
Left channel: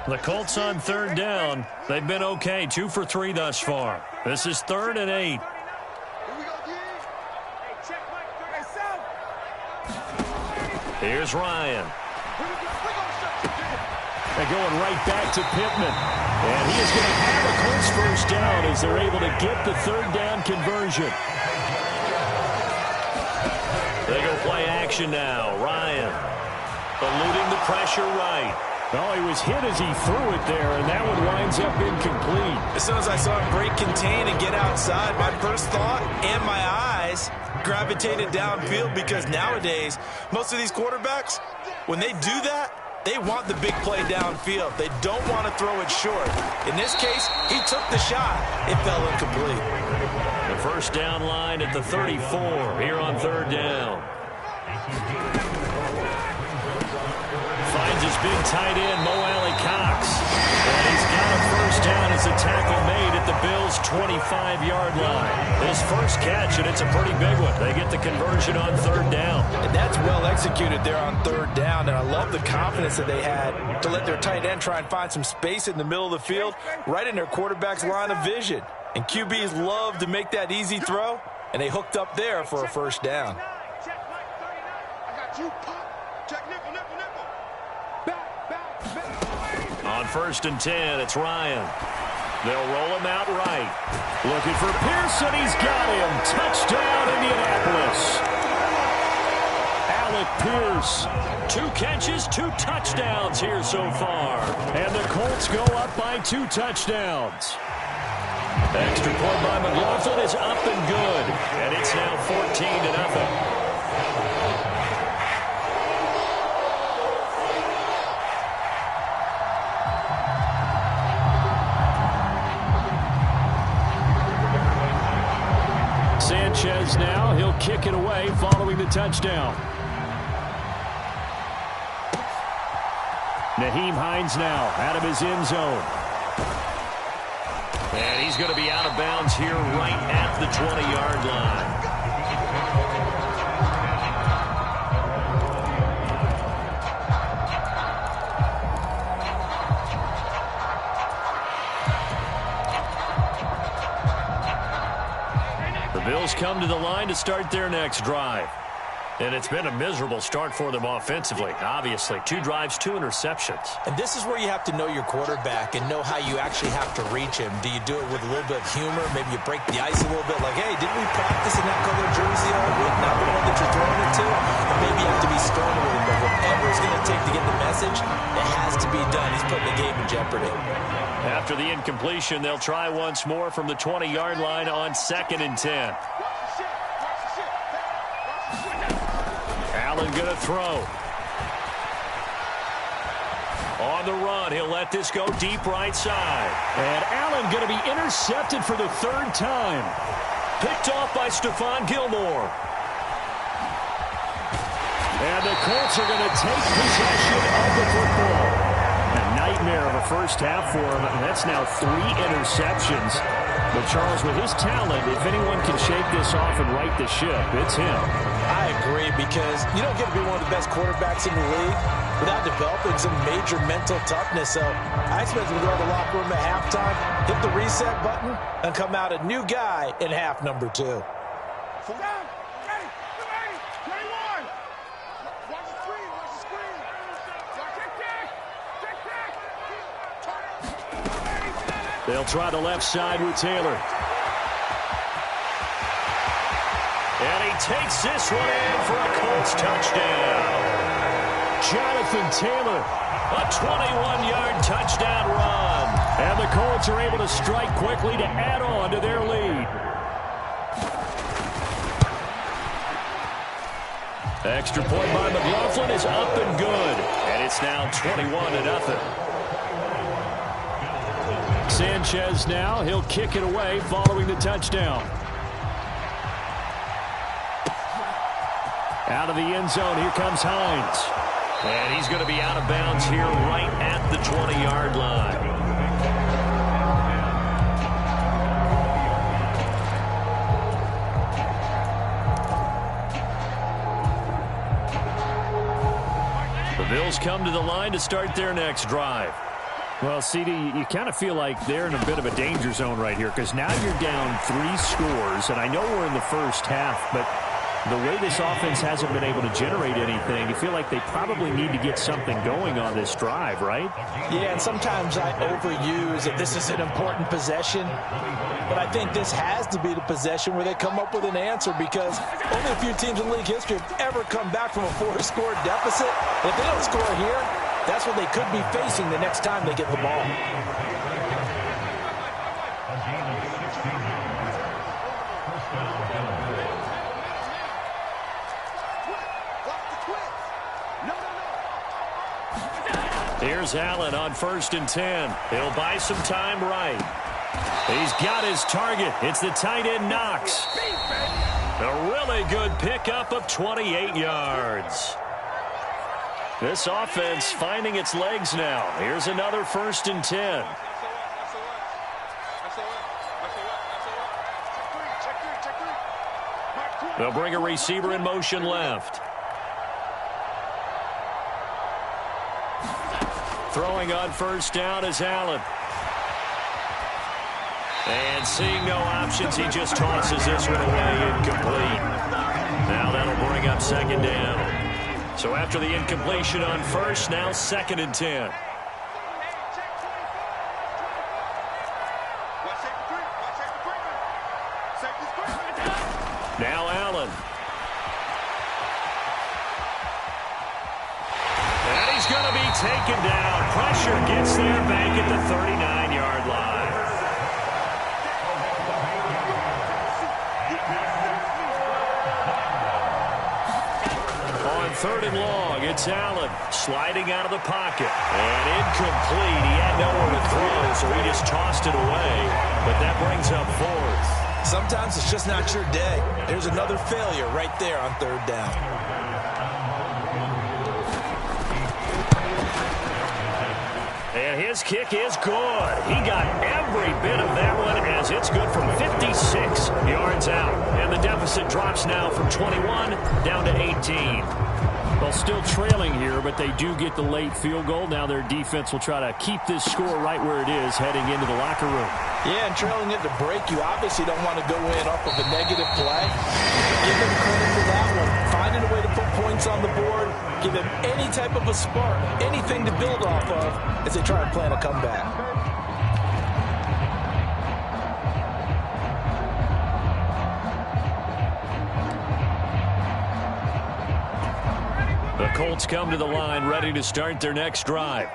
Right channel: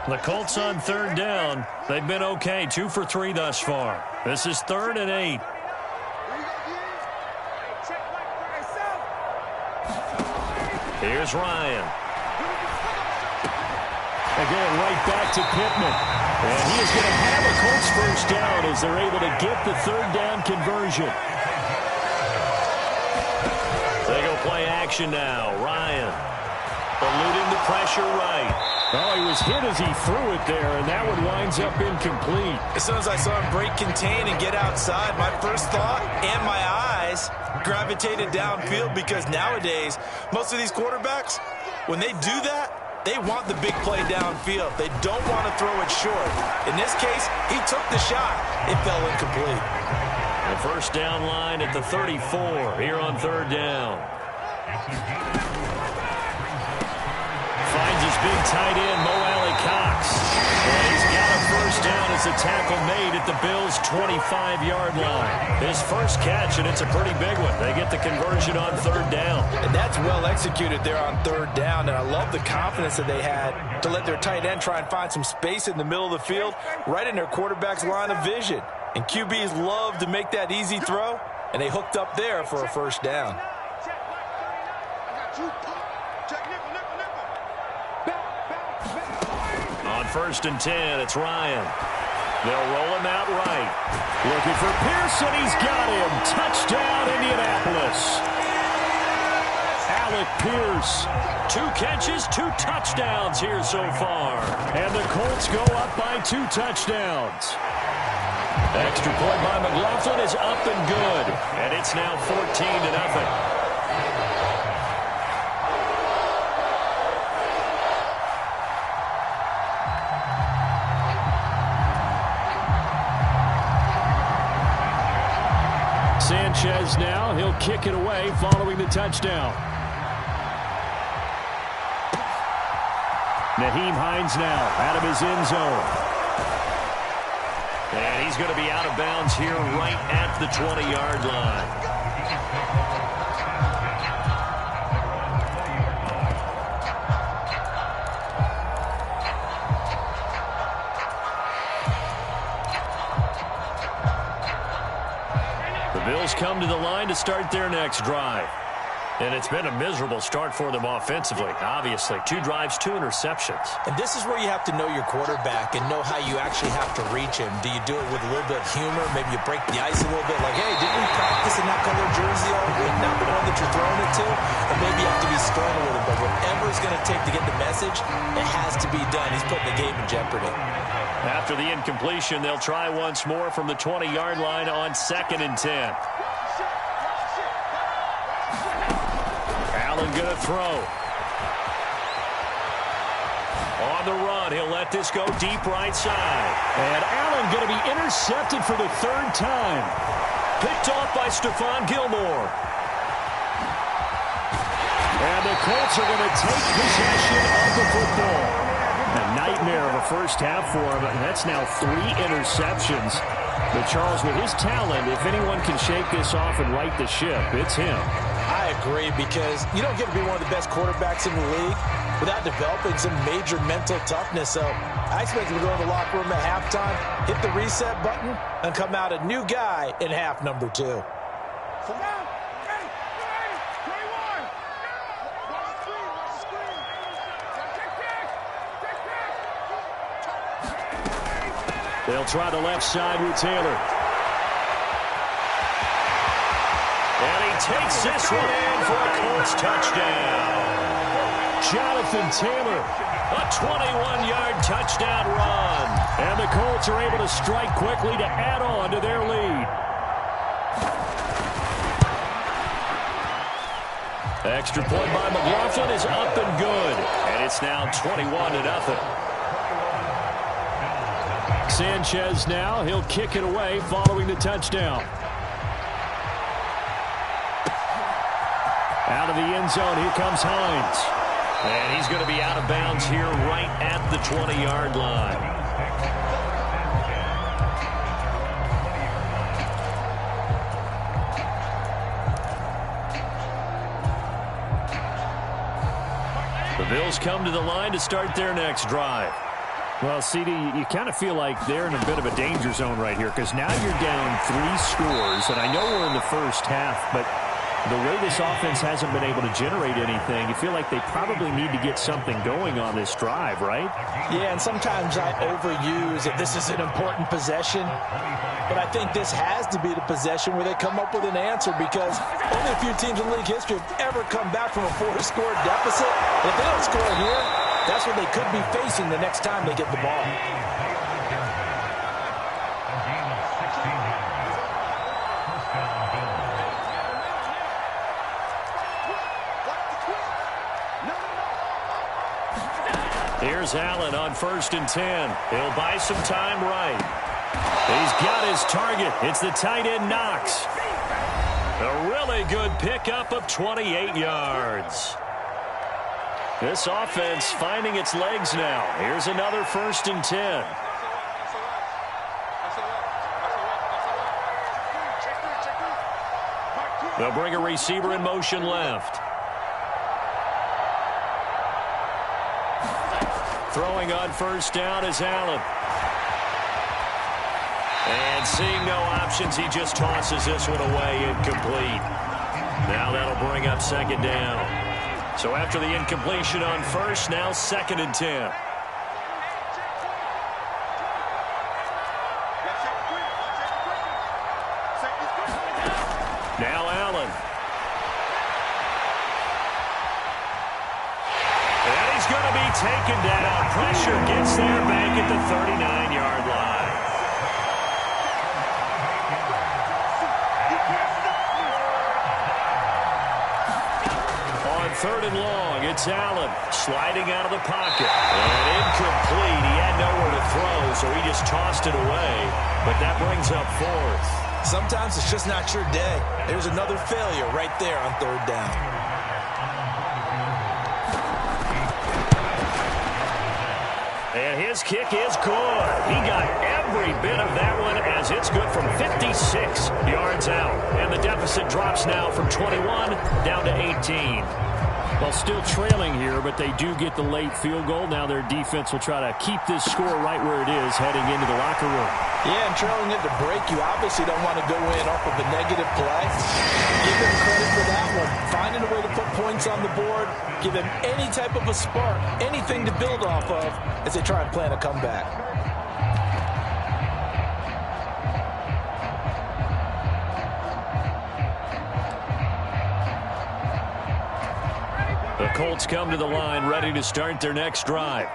The Colts on third down. They've been okay, 2 for 3 thus far. This is 3rd and 8. Here's Ryan. They're going right back to Pittman. And he is going to have a Colts first down as they're able to get the third down conversion. They go play action now. Ryan eluding the pressure right. Oh, he was hit as he threw it there, and that one winds up incomplete. As soon as I saw him break contain and get outside, my first thought and my eyes gravitated downfield, because nowadays, most of these quarterbacks, when they do that, they want the big play downfield. They don't want to throw it short. In this case, he took the shot. It fell incomplete. The first down line at the 34 here on third down. Finds his big tight end, Mo Alley-Cox. And he's got a first down as the tackle made at the Bills' 25-yard line. His first catch, and it's a pretty big one. They get the conversion on third down. And that's well executed there on third down, and I love the confidence that they had to let their tight end try and find some space in the middle of the field, right in their quarterback's line of vision. And QBs love to make that easy throw, and they hooked up there for a first down. On 1st and 10, it's Ryan. They'll roll him out right. Looking for Pearson. He's got him. Touchdown, Indianapolis. Alec Pierce. 2 catches, 2 touchdowns here so far. And the Colts go up by 2 touchdowns. Extra point by McLaughlin is up and good. And it's now 14-0. Sanchez now. He'll kick it away following the touchdown. Nyheim Hines now out of his end zone. And he's going to be out of bounds here right at the 20-yard line. The Bills come to the line to start their next drive. And it's been a miserable start for them offensively. Obviously, 2 drives, 2 interceptions. And this is where you have to know your quarterback and know how you actually have to reach him. Do you do it with a little bit of humor? Maybe you break the ice a little bit, like, hey, didn't we practice in that color jersey all week? Not the one that you're throwing it to? Or maybe you have to be stern with him. But whatever it's going to take to get the message, it has to be done. He's putting the game in jeopardy. After the incompletion, they'll try once more from the 20-yard line on 2nd and 10. Allen going to throw. On the run, he'll let this go deep right side. And Allen going to be intercepted for the 3rd time. Picked off by Stephon Gilmore. And the Colts are going to take possession of the football. A nightmare of a first half for him. That's now 3 interceptions. But Charles, with his talent, if anyone can shake this off and right the ship, it's him. I agree, because you don't get to be one of the best quarterbacks in the league without developing some major mental toughness. So I expect him to go to the locker room at halftime, hit the reset button, and come out a new guy in half number 2. Down. Ready. 21. Watch the screen. Watch the screen. Check. They'll try the left side with Taylor. And he takes this one in for a Colts touchdown. Jonathan Taylor. A 21-yard touchdown run. And the Colts are able to strike quickly to add on to their lead. Extra point by McLaughlin is up and good. And it's now 21-0. Sanchez now. He'll kick it away following the touchdown. Out of the end zone, here comes Hines. And he's going to be out of bounds here right at the 20-yard line. The Bills come to the line to start their next drive. Well, CD, you kind of feel like they're in a bit of a danger zone right here because now you're down 3 scores, and I know we're in the first half, but the way this offense hasn't been able to generate anything, you feel like they probably need to get something going on this drive, right? Yeah, and sometimes I overuse that this is an important possession, but I think this has to be the possession where they come up with an answer because only a few teams in league history have ever come back from a 4-score deficit. And if they don't score here, that's what they could be facing the next time they get the ball. Here's Allen on 1st and 10. He'll buy some time right. He's got his target. It's the tight end Knox. A really good pickup of 28 yards. This offense finding its legs now. Here's another 1st and 10. They'll bring a receiver in motion left. Throwing on 1st down is Allen. And seeing no options, he just tosses this one away incomplete. Now that'll bring up 2nd down. So after the incompletion on 1st, now 2nd and 10. Now Allen. And he's going to be taken down. Pressure gets there back at the 39-yard line. On 3rd and long, it's Allen sliding out of the pocket. And incomplete. He had nowhere to throw, so he just tossed it away. But that brings up 4th. Sometimes it's just not your day. There's another failure right there on 3rd down. And his kick is good. He got every bit of that one as it's good from 56 yards out. And the deficit drops now from 21 down to 18. Well, still trailing here, but they do get the late field goal. Now their defense will try to keep this score right where it is heading into the locker room. Yeah, and trailing it to break, you obviously don't want to go in off of a negative play. Give them credit for that one. Finding a way to put points on the board, give them any type of a spark, anything to build off of as they try and plan a comeback. The Colts come to the line ready to start their next drive.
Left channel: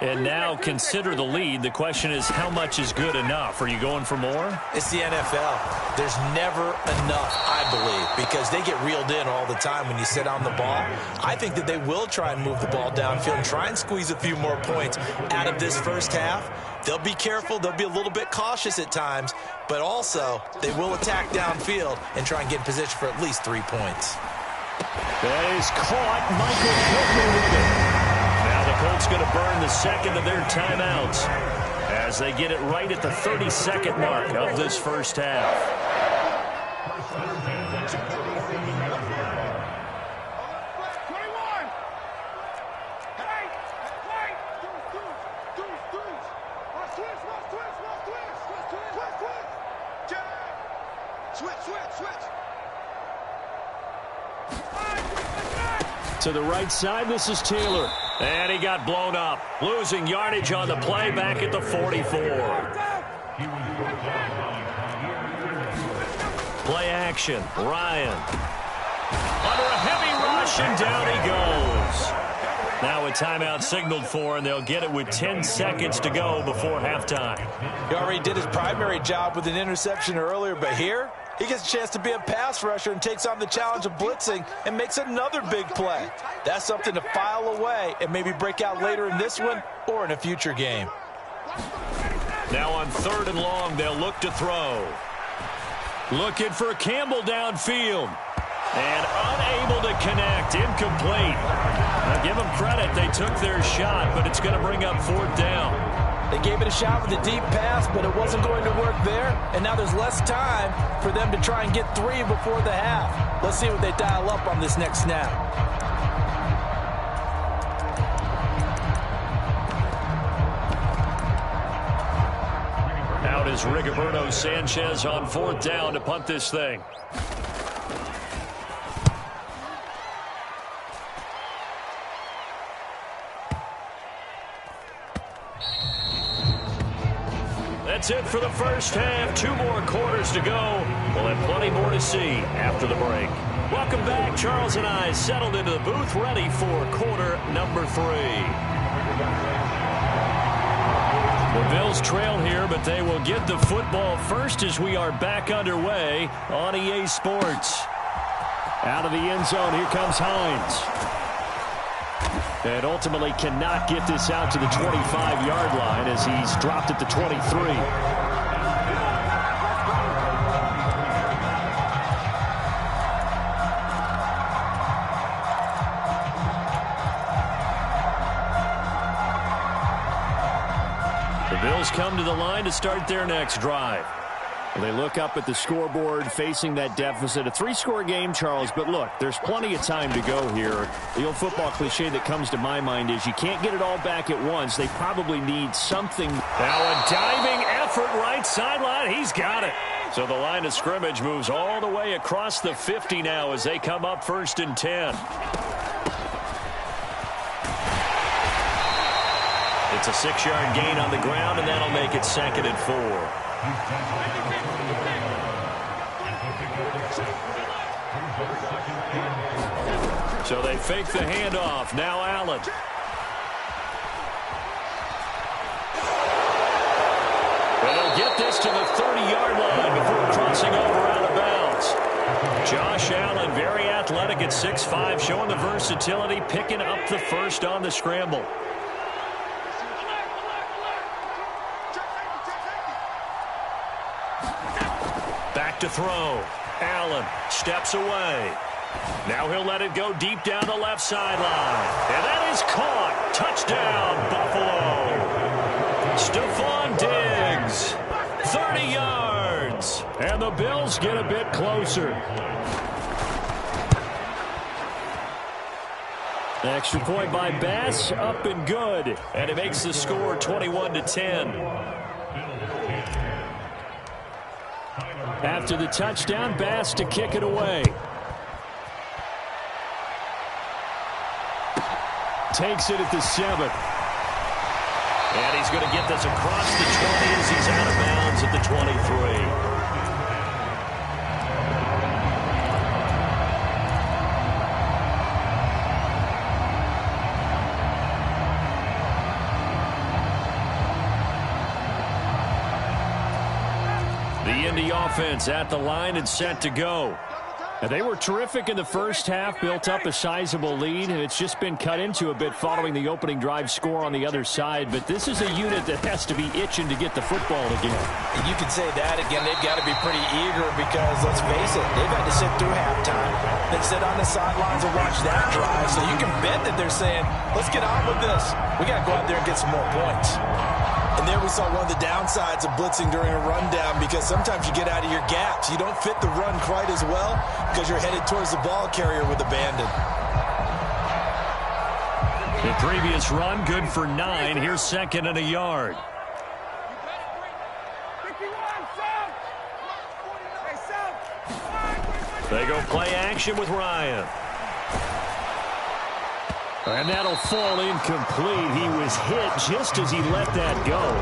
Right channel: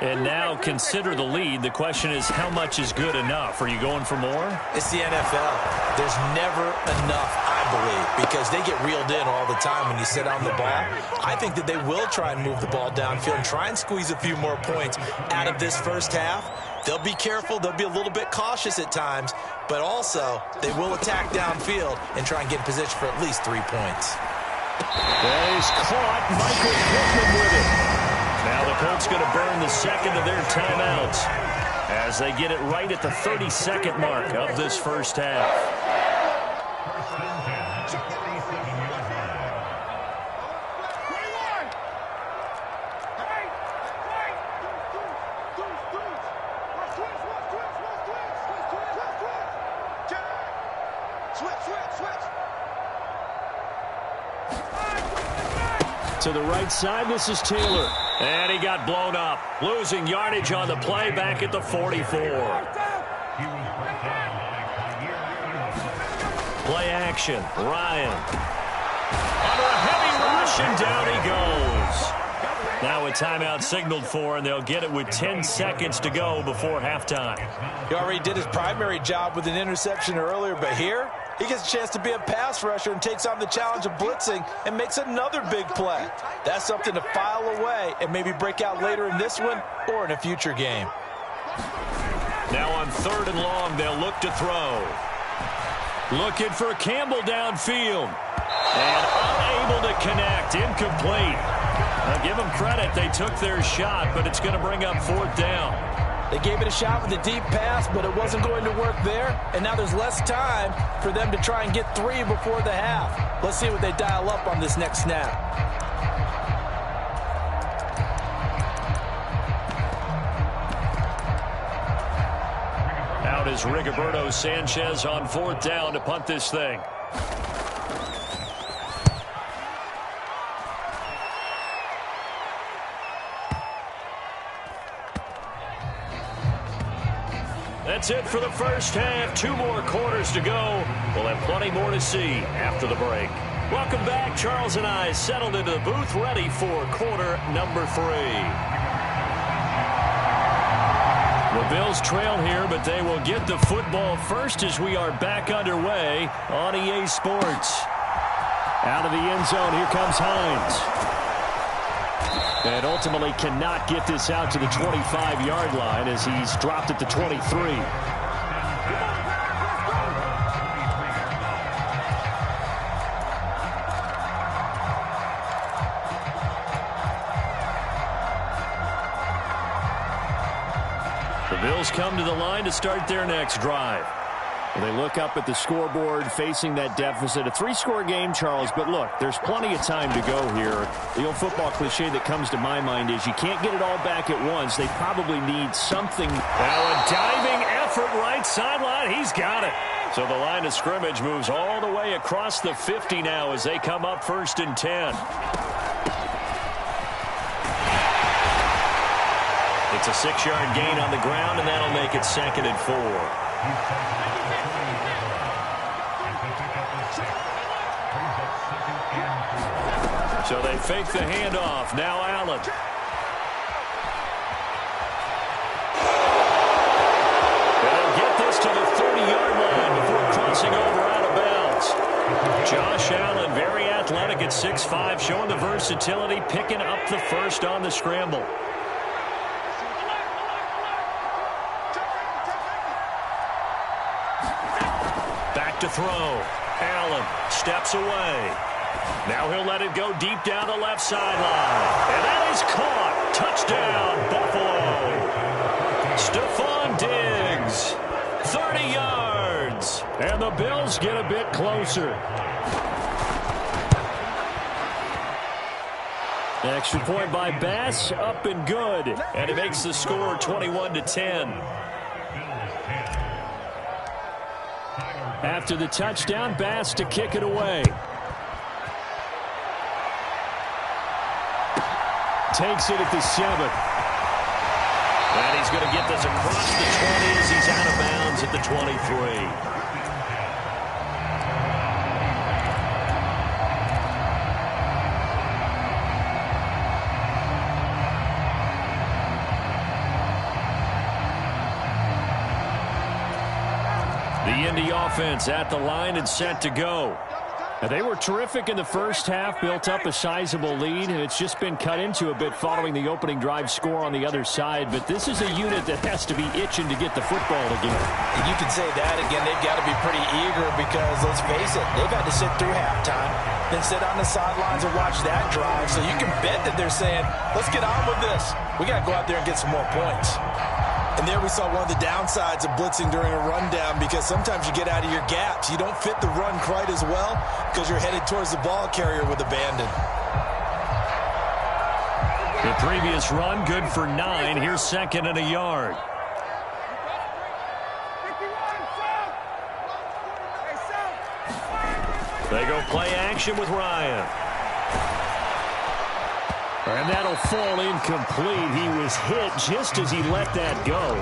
And now consider the lead. The question is, how much is good enough? Are you going for more? It's the NFL. There's never enough, I believe, because they get reeled in all the time when you sit on the ball. I think that they will try and move the ball downfield and try and squeeze a few more points out of this first half. They'll be careful. They'll be a little bit cautious at times, but also they will attack downfield and try and get in position for at least 3 points. That is caught. Michael Pittman with it. Now the Colts going to burn the 2nd of their timeouts as they get it right at the 32nd mark of this first half. To the right side, this is Taylor. And he got blown up, losing yardage on the play back at the 44. Play action, Ryan. Under a heavy rush, and down he goes. Now a timeout signaled for, and they'll get it with 10 seconds to go before halftime. He already did his primary job with an interception earlier, but here he gets a chance to be a pass rusher and takes on the challenge of blitzing and makes another big play. That's something to file away and maybe break out later in this one or in a future game. Now on 3rd and long, they'll look to throw. Looking for Campbell downfield. And unable to connect. Incomplete. Now give them credit. They took their shot, but it's going to bring up 4th down. They gave it a shot with a deep pass, but it wasn't going to work there. And now there's less time for them to try and get 3 before the half. Let's see what they dial up on this next snap. Out is Rigoberto Sanchez on 4th down to punt this thing. That's it for the first half. 2 more quarters to go. We'll have plenty more to see after the break. Welcome back. Charles and I settled into the booth, ready for quarter number 3. The Bills trail here, but they will get the football first as we are back underway on EA Sports. Out of the end zone, here comes Hines. And ultimately cannot get this out to the 25-yard line as he's dropped at the 23. The Bills come to the line to start their next drive. Well, they look up at the scoreboard facing that deficit. A 3-score game, Charles, but look, there's plenty of time to go here. The old football cliche that comes to my mind is you can't get it all back at once. They probably need something. Now a diving effort right sideline. He's got it. So the line of scrimmage moves all the way across the 50 now as they come up 1st and 10. It's a 6-yard gain on the ground, and that'll make it 2nd and 4. So they fake the handoff. Now Allen. And they'll get this to the 30-yard line before crossing over out of bounds. Josh Allen, very athletic at 6'5", showing the versatility, picking up the first on the scramble. Back to throw. Allen steps away. Now he'll let it go deep down the left sideline. And that is caught. Touchdown, Buffalo. Stephon Diggs. 30 yards. And the Bills get a bit closer. Extra point by Bass, up and good. And it makes the score 21-10. After the touchdown, Bass to kick it away. Takes it at the 7. And he's going to get this across the 20 as he's out of bounds at the 23. The Indy offense at the line and set to go. And they were terrific in the first half, built up a sizable lead, and it's just been cut into a bit following the opening drive score on the other side. But this is a unit that has to be itching to get the football again. You can say that again. They've got to be pretty eager because, let's face it, they've had to sit through halftime, then sit on the sidelines and watch that drive. So you can bet that they're saying, let's get on with this. We got to go out there and get some more points. And there we saw one of the downsides of blitzing during a rundown because sometimes you get out of your gaps. You don't fit the run quite as well because you're headed towards the ball carrier with abandon. The previous run, good for 9. Here's 2nd and a yard. They go play action with Ryan. And that'll fall incomplete. He was hit just as he let that go.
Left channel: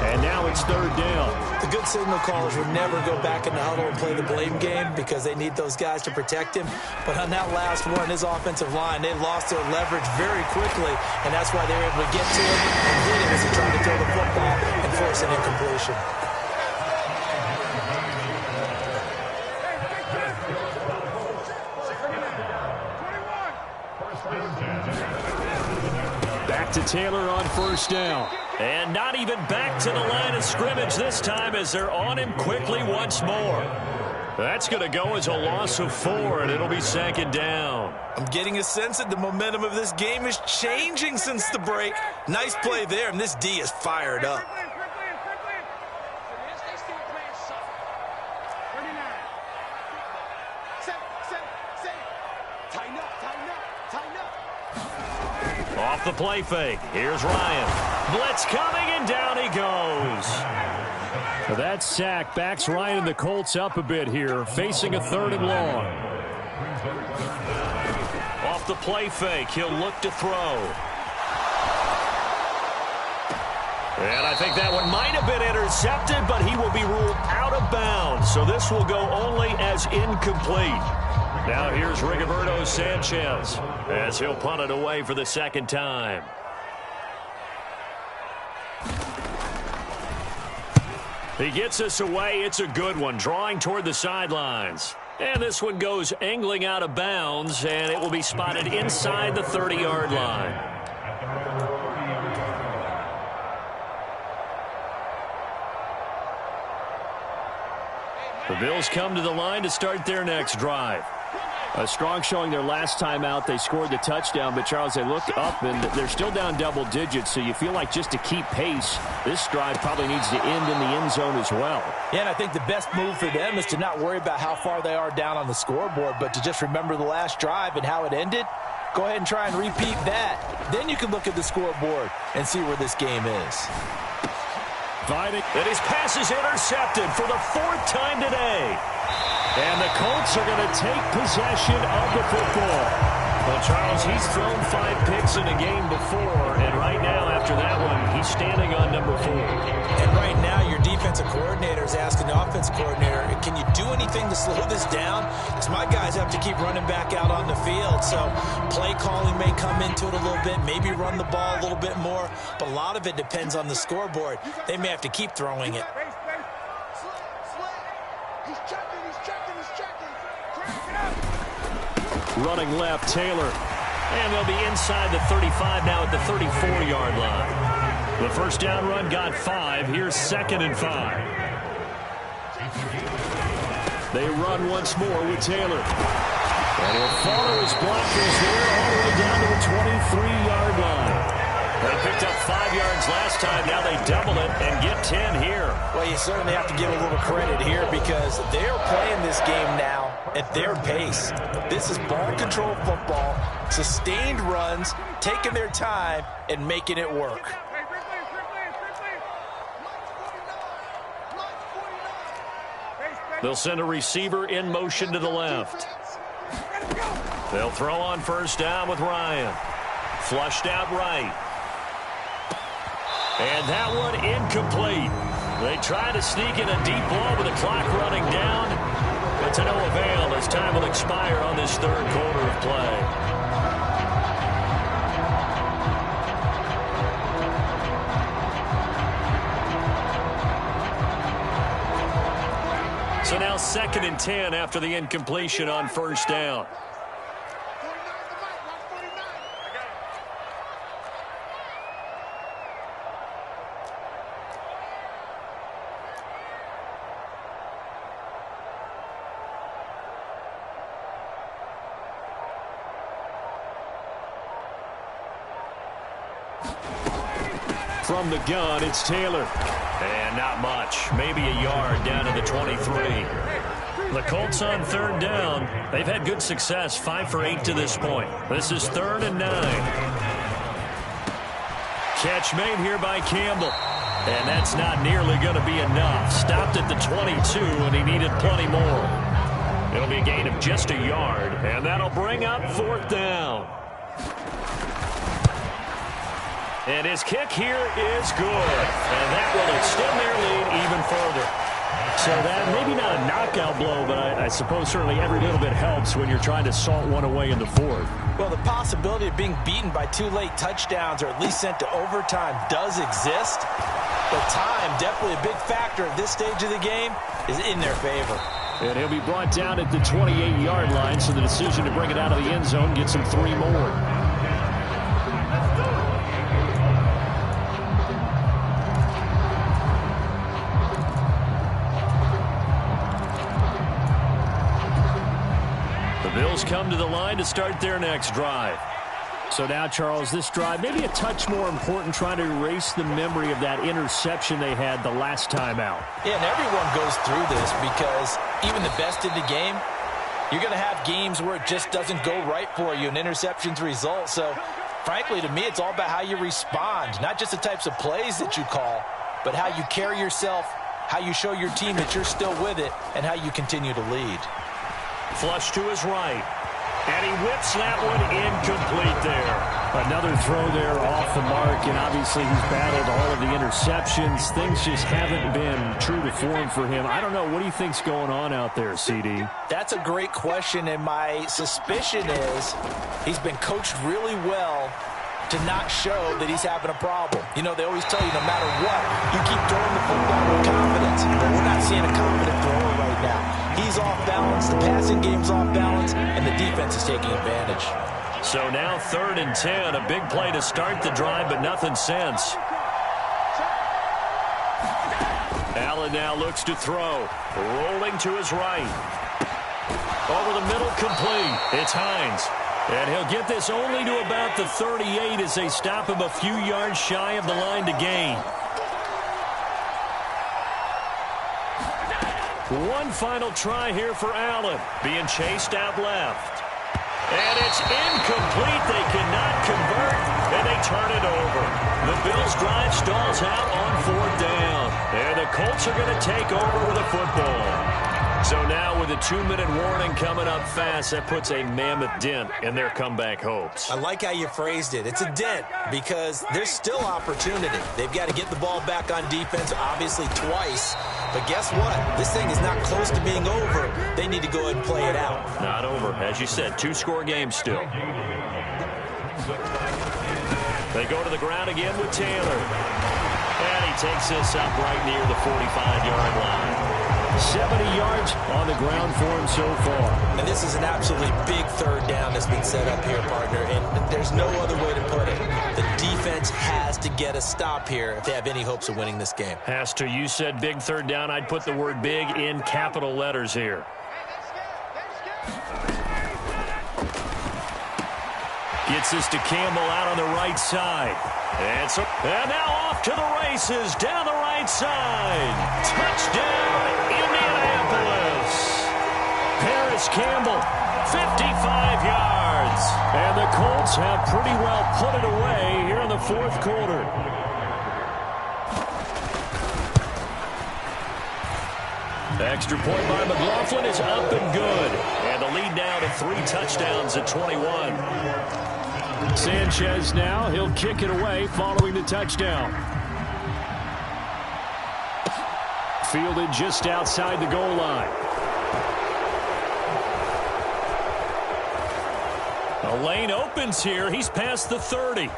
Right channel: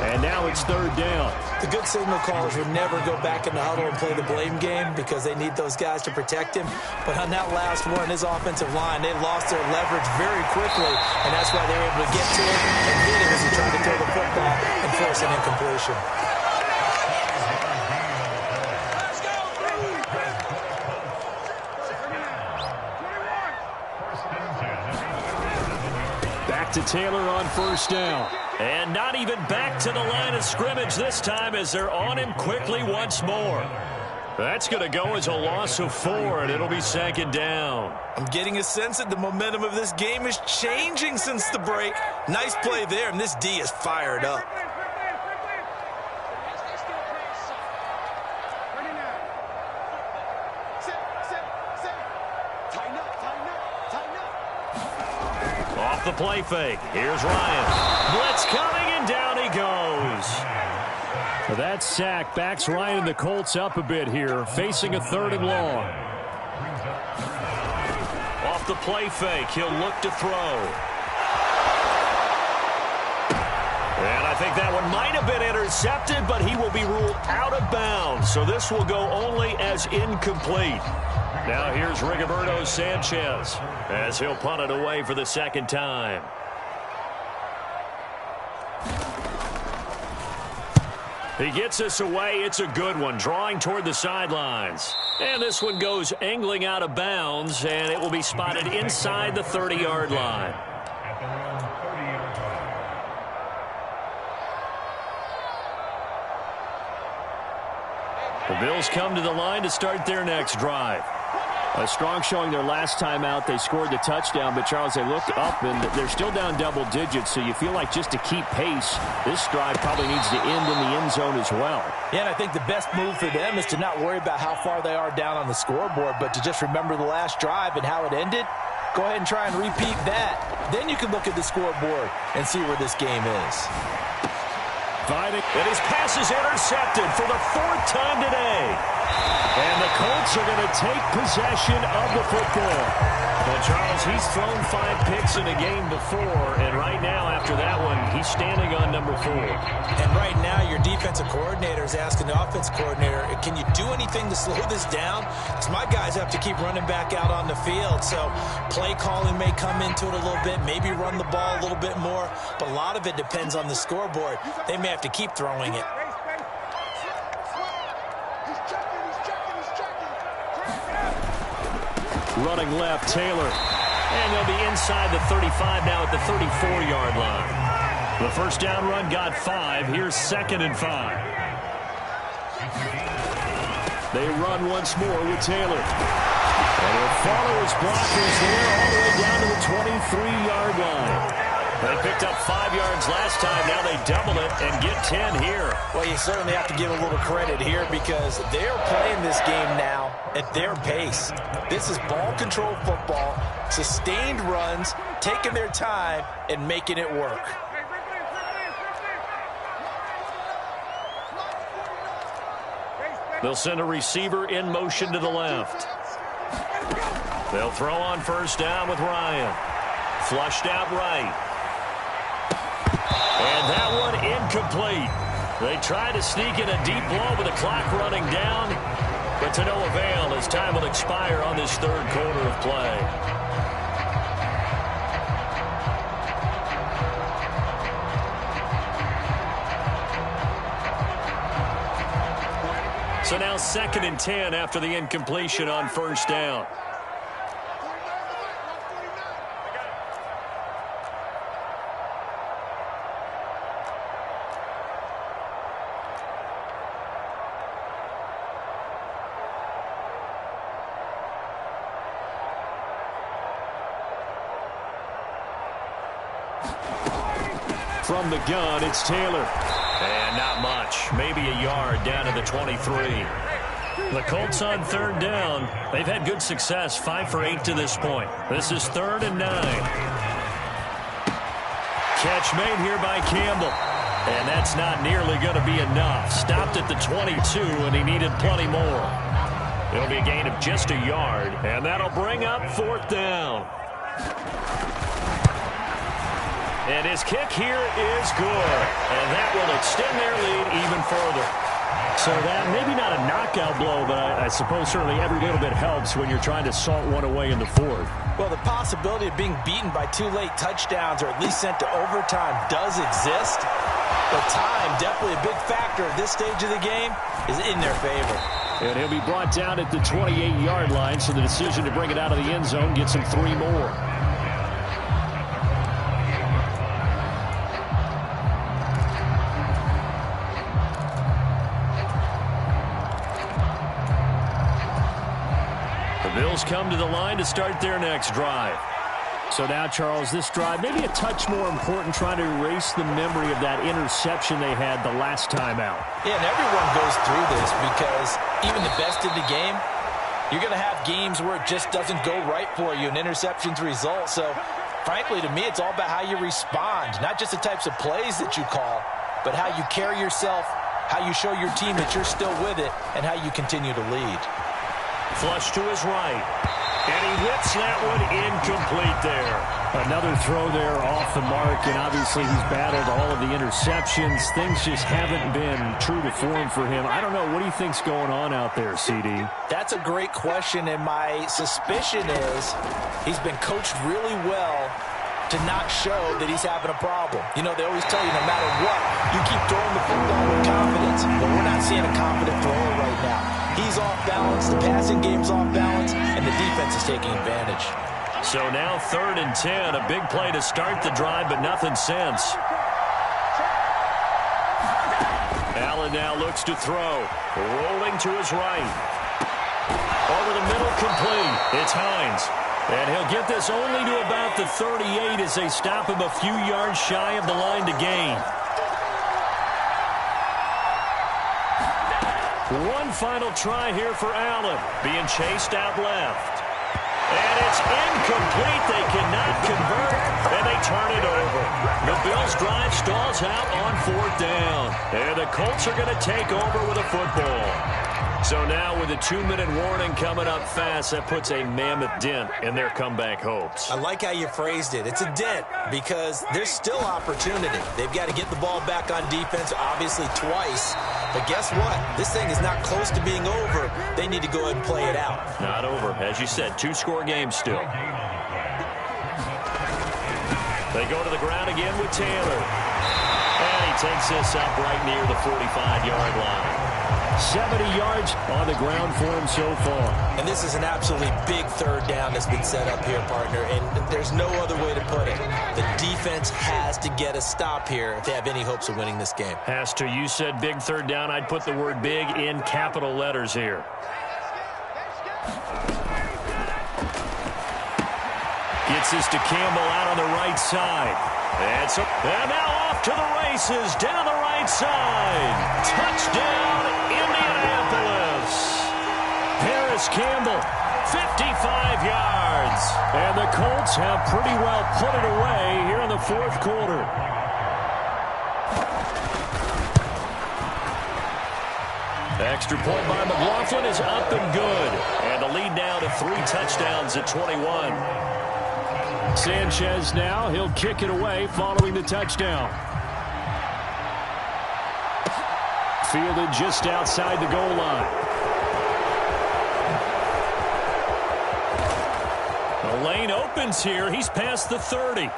And now it's 3rd down. The good signal callers would never go back in the huddle and play the blame game because they need those guys to protect him. But on that last one, his offensive line, they lost their leverage very quickly, and that's why they were able to get to him and hit him as he tried to throw the football and force an incompletion. Back to Taylor on 1st down. And not even back to the line of scrimmage this time as they're on him quickly once more. That's going to go as a loss of 4, and it'll be 2nd down. I'm getting a sense that the momentum of this game is changing since the break. Nice play there, and this D is fired up. Off the play fake. Here's Ryan. Blitz coming, and down he goes. So that sack backs Ryan and the Colts up a bit here, facing a 3rd and long. Off the play fake, he'll look to throw. And I think that one might have been intercepted, but he will be ruled out of bounds. So this will go only as incomplete. Now here's Rigoberto Sanchez as he'll punt it away for the 2nd time. He gets us away. It's a good one, drawing toward the sidelines. And this one goes angling out of bounds, and it will be spotted inside the 30-yard line. The Bills come to the line to start their next drive. A strong showing their last time out. They scored the touchdown, but, Charles, they looked up, and they're still down double digits, so you feel like just to keep pace, this drive probably needs to end in the end zone as well. Yeah, and I think the best move for them is to not worry about how far they are down on the scoreboard, but to just remember the last drive and how it ended. Go ahead and try and repeat that. Then you can look at the scoreboard and see where this game is. And his pass is intercepted for the 4th time today. And the Colts are going to take possession of the football. Well, Charles, he's thrown 5 picks in a game before, and right now, after that one, he's standing on number 4. And right now, your defensive coordinator is asking the offense coordinator, can you do anything to slow this down? Because my guys have to keep running back out on the field. So play calling may come into it a little bit, maybe run the ball a little bit more, but a lot of it depends on the scoreboard. They may have to keep throwing it. Running left, Taylor. And they'll be inside the 35 now at the 34-yard line. The first down run got 5. Here's 2nd and 5. They run once more with Taylor. And he'll follow his blockers there all the way down to the 23-yard line. They picked up 5 yards last time. Now they double it and get 10 here. Well, you certainly have to give a little credit here because they're playing this game now at their pace. This is ball control football, sustained runs, taking their time and making it work. They'll send a receiver in motion to the left. They'll throw on first down with Ryan. Flushed out right. And that one incomplete. They try to sneak in a deep ball with the clock running down, but to no avail as time will expire on this 3rd quarter of play. So now 2nd and 10 after the incompletion on first down. From the gun, it's Taylor. And not much. Maybe a yard down to the 23. The Colts on 3rd down. They've had good success, 5 for 8 to this point. This is 3rd and 9. Catch made here by Campbell. And that's not nearly going to be enough. Stopped at the 22, and he needed plenty more. It'll be a gain of just a yard, and that'll bring up 4th down. And his kick here is good. And that will extend their lead even further. So that maybe not a knockout blow, but I suppose certainly every little bit helps when you're trying to salt one away in the 4th. Well, the possibility of being beaten by 2 late touchdowns or at least sent to overtime does exist. But time, definitely a big factor at this stage of the game, is in their favor. And he'll be brought down at the 28-yard line, so the decision to bring it out of the end zone gets him 3 more. Bills come to the line to start their next drive. So now, Charles, this drive maybe a touch more important, trying to erase the memory of that interception they had the last time out. Yeah, and everyone goes through this because even the best in the game, you're going to have games where it just doesn't go right for you and interceptions result. So, frankly, to me, it's all about how you respond, not just the types of plays that you call, but how you carry yourself, how you show your team that you're still with it, and how you continue to lead. Flush to his right. And he whips that one incomplete there. Another throw there off the mark, and obviously he's battled all of the interceptions. Things just haven't been true to form for him. I don't know. What do you think's going on out there, CD? That's a great question, and my suspicion is he's been coached really well to not show that he's having a problem. You know, they always tell you no matter what, you keep throwing the football with confidence. But we're not seeing a confident thrower right now. He's off balance, the passing game's off balance, and the defense is taking advantage. So now 3rd and 10, a big play to start the drive, but nothing since. Allen now looks to throw, rolling to his right. Over the middle, complete. It's Hines. And he'll get this only to about the 38 as they stop him a few yards shy of the line to gain. One final try here for Allen, being chased out left. And it's incomplete. They cannot convert, and they turn it over. The Bills' drive stalls out on 4th down. And the Colts are going to take over with a football. So now with a 2-minute warning coming up fast, that puts a mammoth dent in their comeback hopes. I like how you phrased it. It's a dent because there's still opportunity. They've got to get the ball back on defense, obviously twice. But guess what? This thing is not close to being over. They need to go ahead and play it out. Not over. As you said, 2-score game still. They go to the ground again with Taylor. And he takes this up right near the 45-yard line. 70 yards on the ground for him so far. And this is an absolutely big 3rd down that's been set up here, partner, and there's no other way to put it. The defense has to get a stop here if they have any hopes of winning this game. Has to. You said big 3rd down. I'd put the word big in capital letters here. Gets this to Campbell out on the right side. And now off to the races down the right side. Touchdown, Indianapolis. Paris Campbell, 55 yards. And the Colts have pretty well put it away here in the 4th quarter. Extra point by McLaughlin is up and good. And the lead now to 3 touchdowns at 21. Sanchez now, he'll kick it away following the touchdown. Fielded just outside the goal line. The lane opens here. He's past the 30.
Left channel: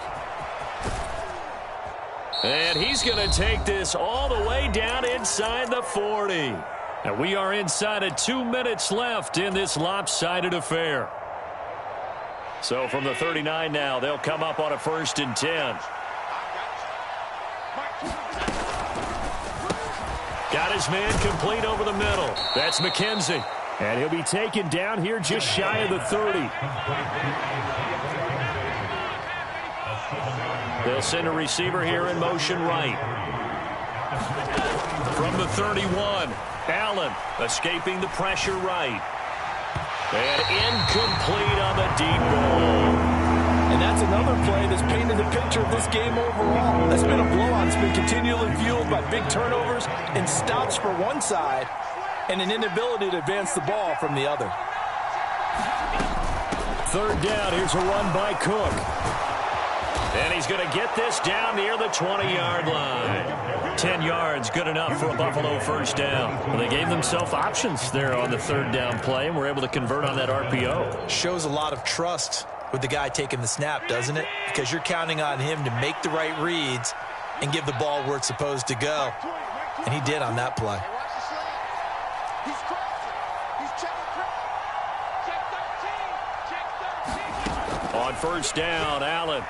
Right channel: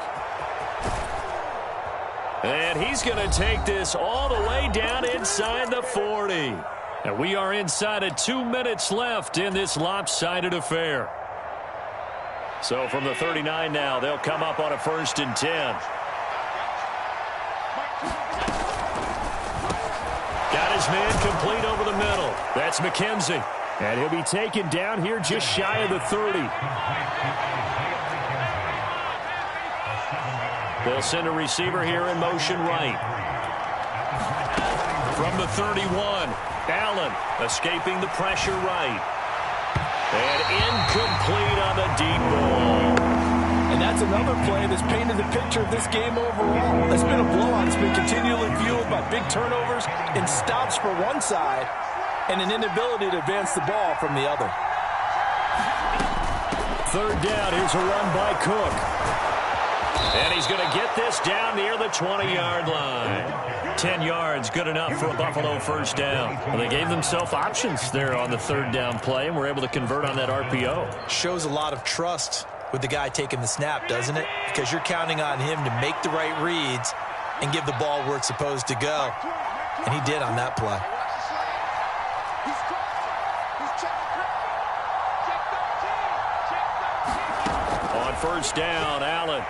And he's going to take this all the way down inside the 40. And we are inside of 2 minutes left in this lopsided affair. So from the 39 now, they'll come up on a 1st and 10. Got his man complete over the middle. That's McKenzie. And he'll be taken down here just shy of the 30. They'll send a receiver here in motion right. From the 31, Allen escaping the pressure right. And incomplete on the deep ball. And that's another play that's painted the picture of this game overall. It's been a blowout. It's been continually fueled by big turnovers and stops for one side and an inability to advance the ball from the other. 3rd down. Here's a run by Cook. And he's going to get this down near the 20-yard line. 10 yards, good enough for a Buffalo 1st down. Well, they gave themselves options there on the 3rd down play and were able to convert on that RPO. Shows a lot of trust with the guy taking the snap, doesn't it? Because you're counting on him to make the right reads and give the ball where it's supposed to go. And he did on that play. On 1st down, Allen.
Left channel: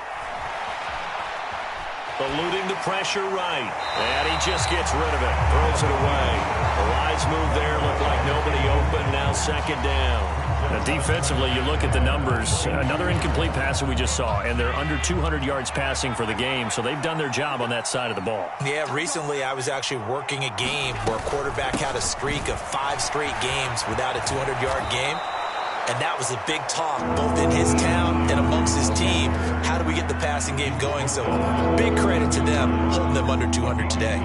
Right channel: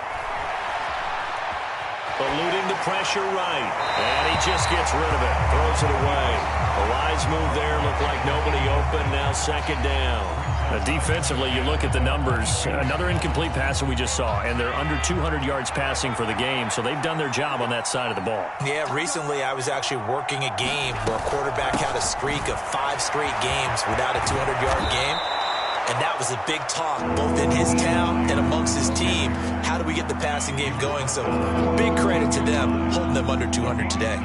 Eluding the pressure right. And he just gets rid of it. Throws it away. A wise move there. Looked like nobody open. Now second down. Now defensively, you look at the numbers. Another incomplete pass that we just saw, and they're under 200 yards passing for the game, so they've done their job on that side of the ball. Yeah, recently I was actually working a game where a quarterback had a streak of 5 straight games without a 200-yard game. And that was a big talk, both in his town and amongst his team. How do we get the passing game going? So big credit to them, holding them under 200 today.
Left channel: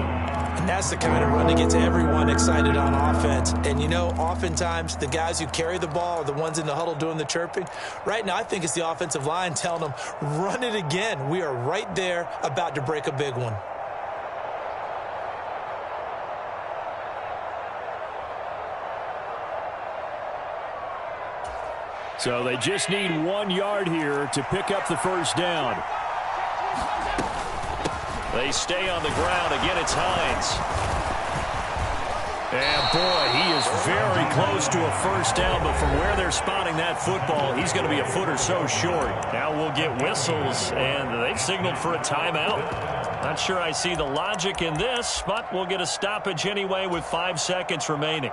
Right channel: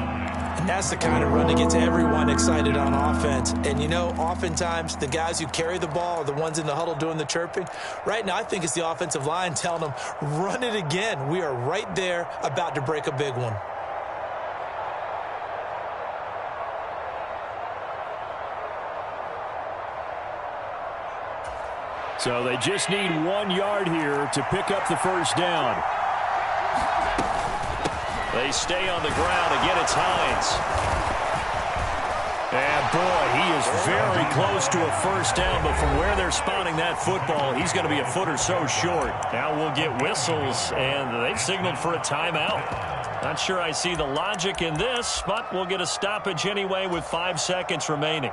And that's the kind of run that gets everyone excited on offense. And, you know, oftentimes the guys who carry the ball are the ones in the huddle doing the chirping. Right now, I think it's the offensive line telling them, run it again. We are right there about to break a big one. So they just need 1 yard here to pick up the first down. They stay on the ground. Again, it's Hines. And, boy, he is very close to a first down, but from where they're spotting that football, he's going to be a foot or so short. Now we'll get whistles, and they've signaled for a timeout. Not sure I see the logic in this, but we'll get a stoppage anyway with 5 seconds remaining.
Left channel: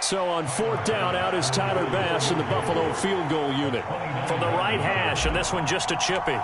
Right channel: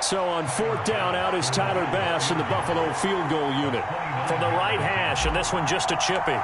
So on fourth down, out is Tyler Bass in the Buffalo field goal unit. From the right hash, and this one just a chippy.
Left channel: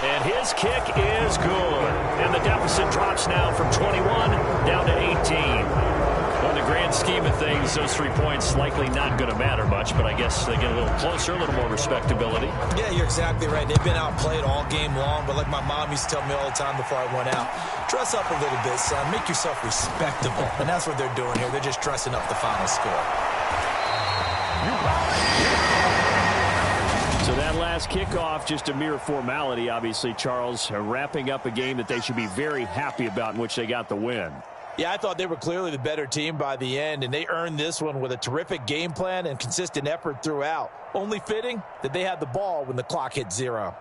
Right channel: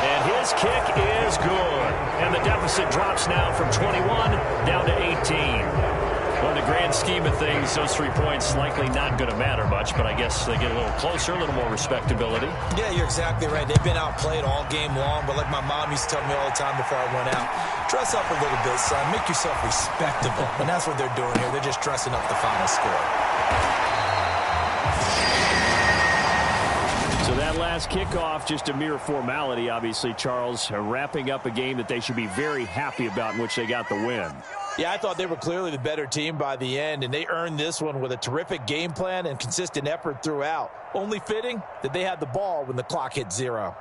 And his kick is good. And the deficit drops now from 21 down to 18. Well, in the grand scheme of things, those 3 points likely not going to matter much, but I guess they get a little closer, a little more respectability. Yeah, you're exactly right. They've been outplayed all game long, but like my mom used to tell me all the time before I went out, dress up a little bit, son. Make yourself respectable. And that's what they're doing here. They're just dressing up the final score. So that last kickoff, just a mere formality, obviously, Charles, wrapping up a game that they should be very happy about in which they got the win. Yeah, I thought they were clearly the better team by the end, and they earned this one with a terrific game plan and consistent effort throughout. Only fitting that they had the ball when the clock hit 0.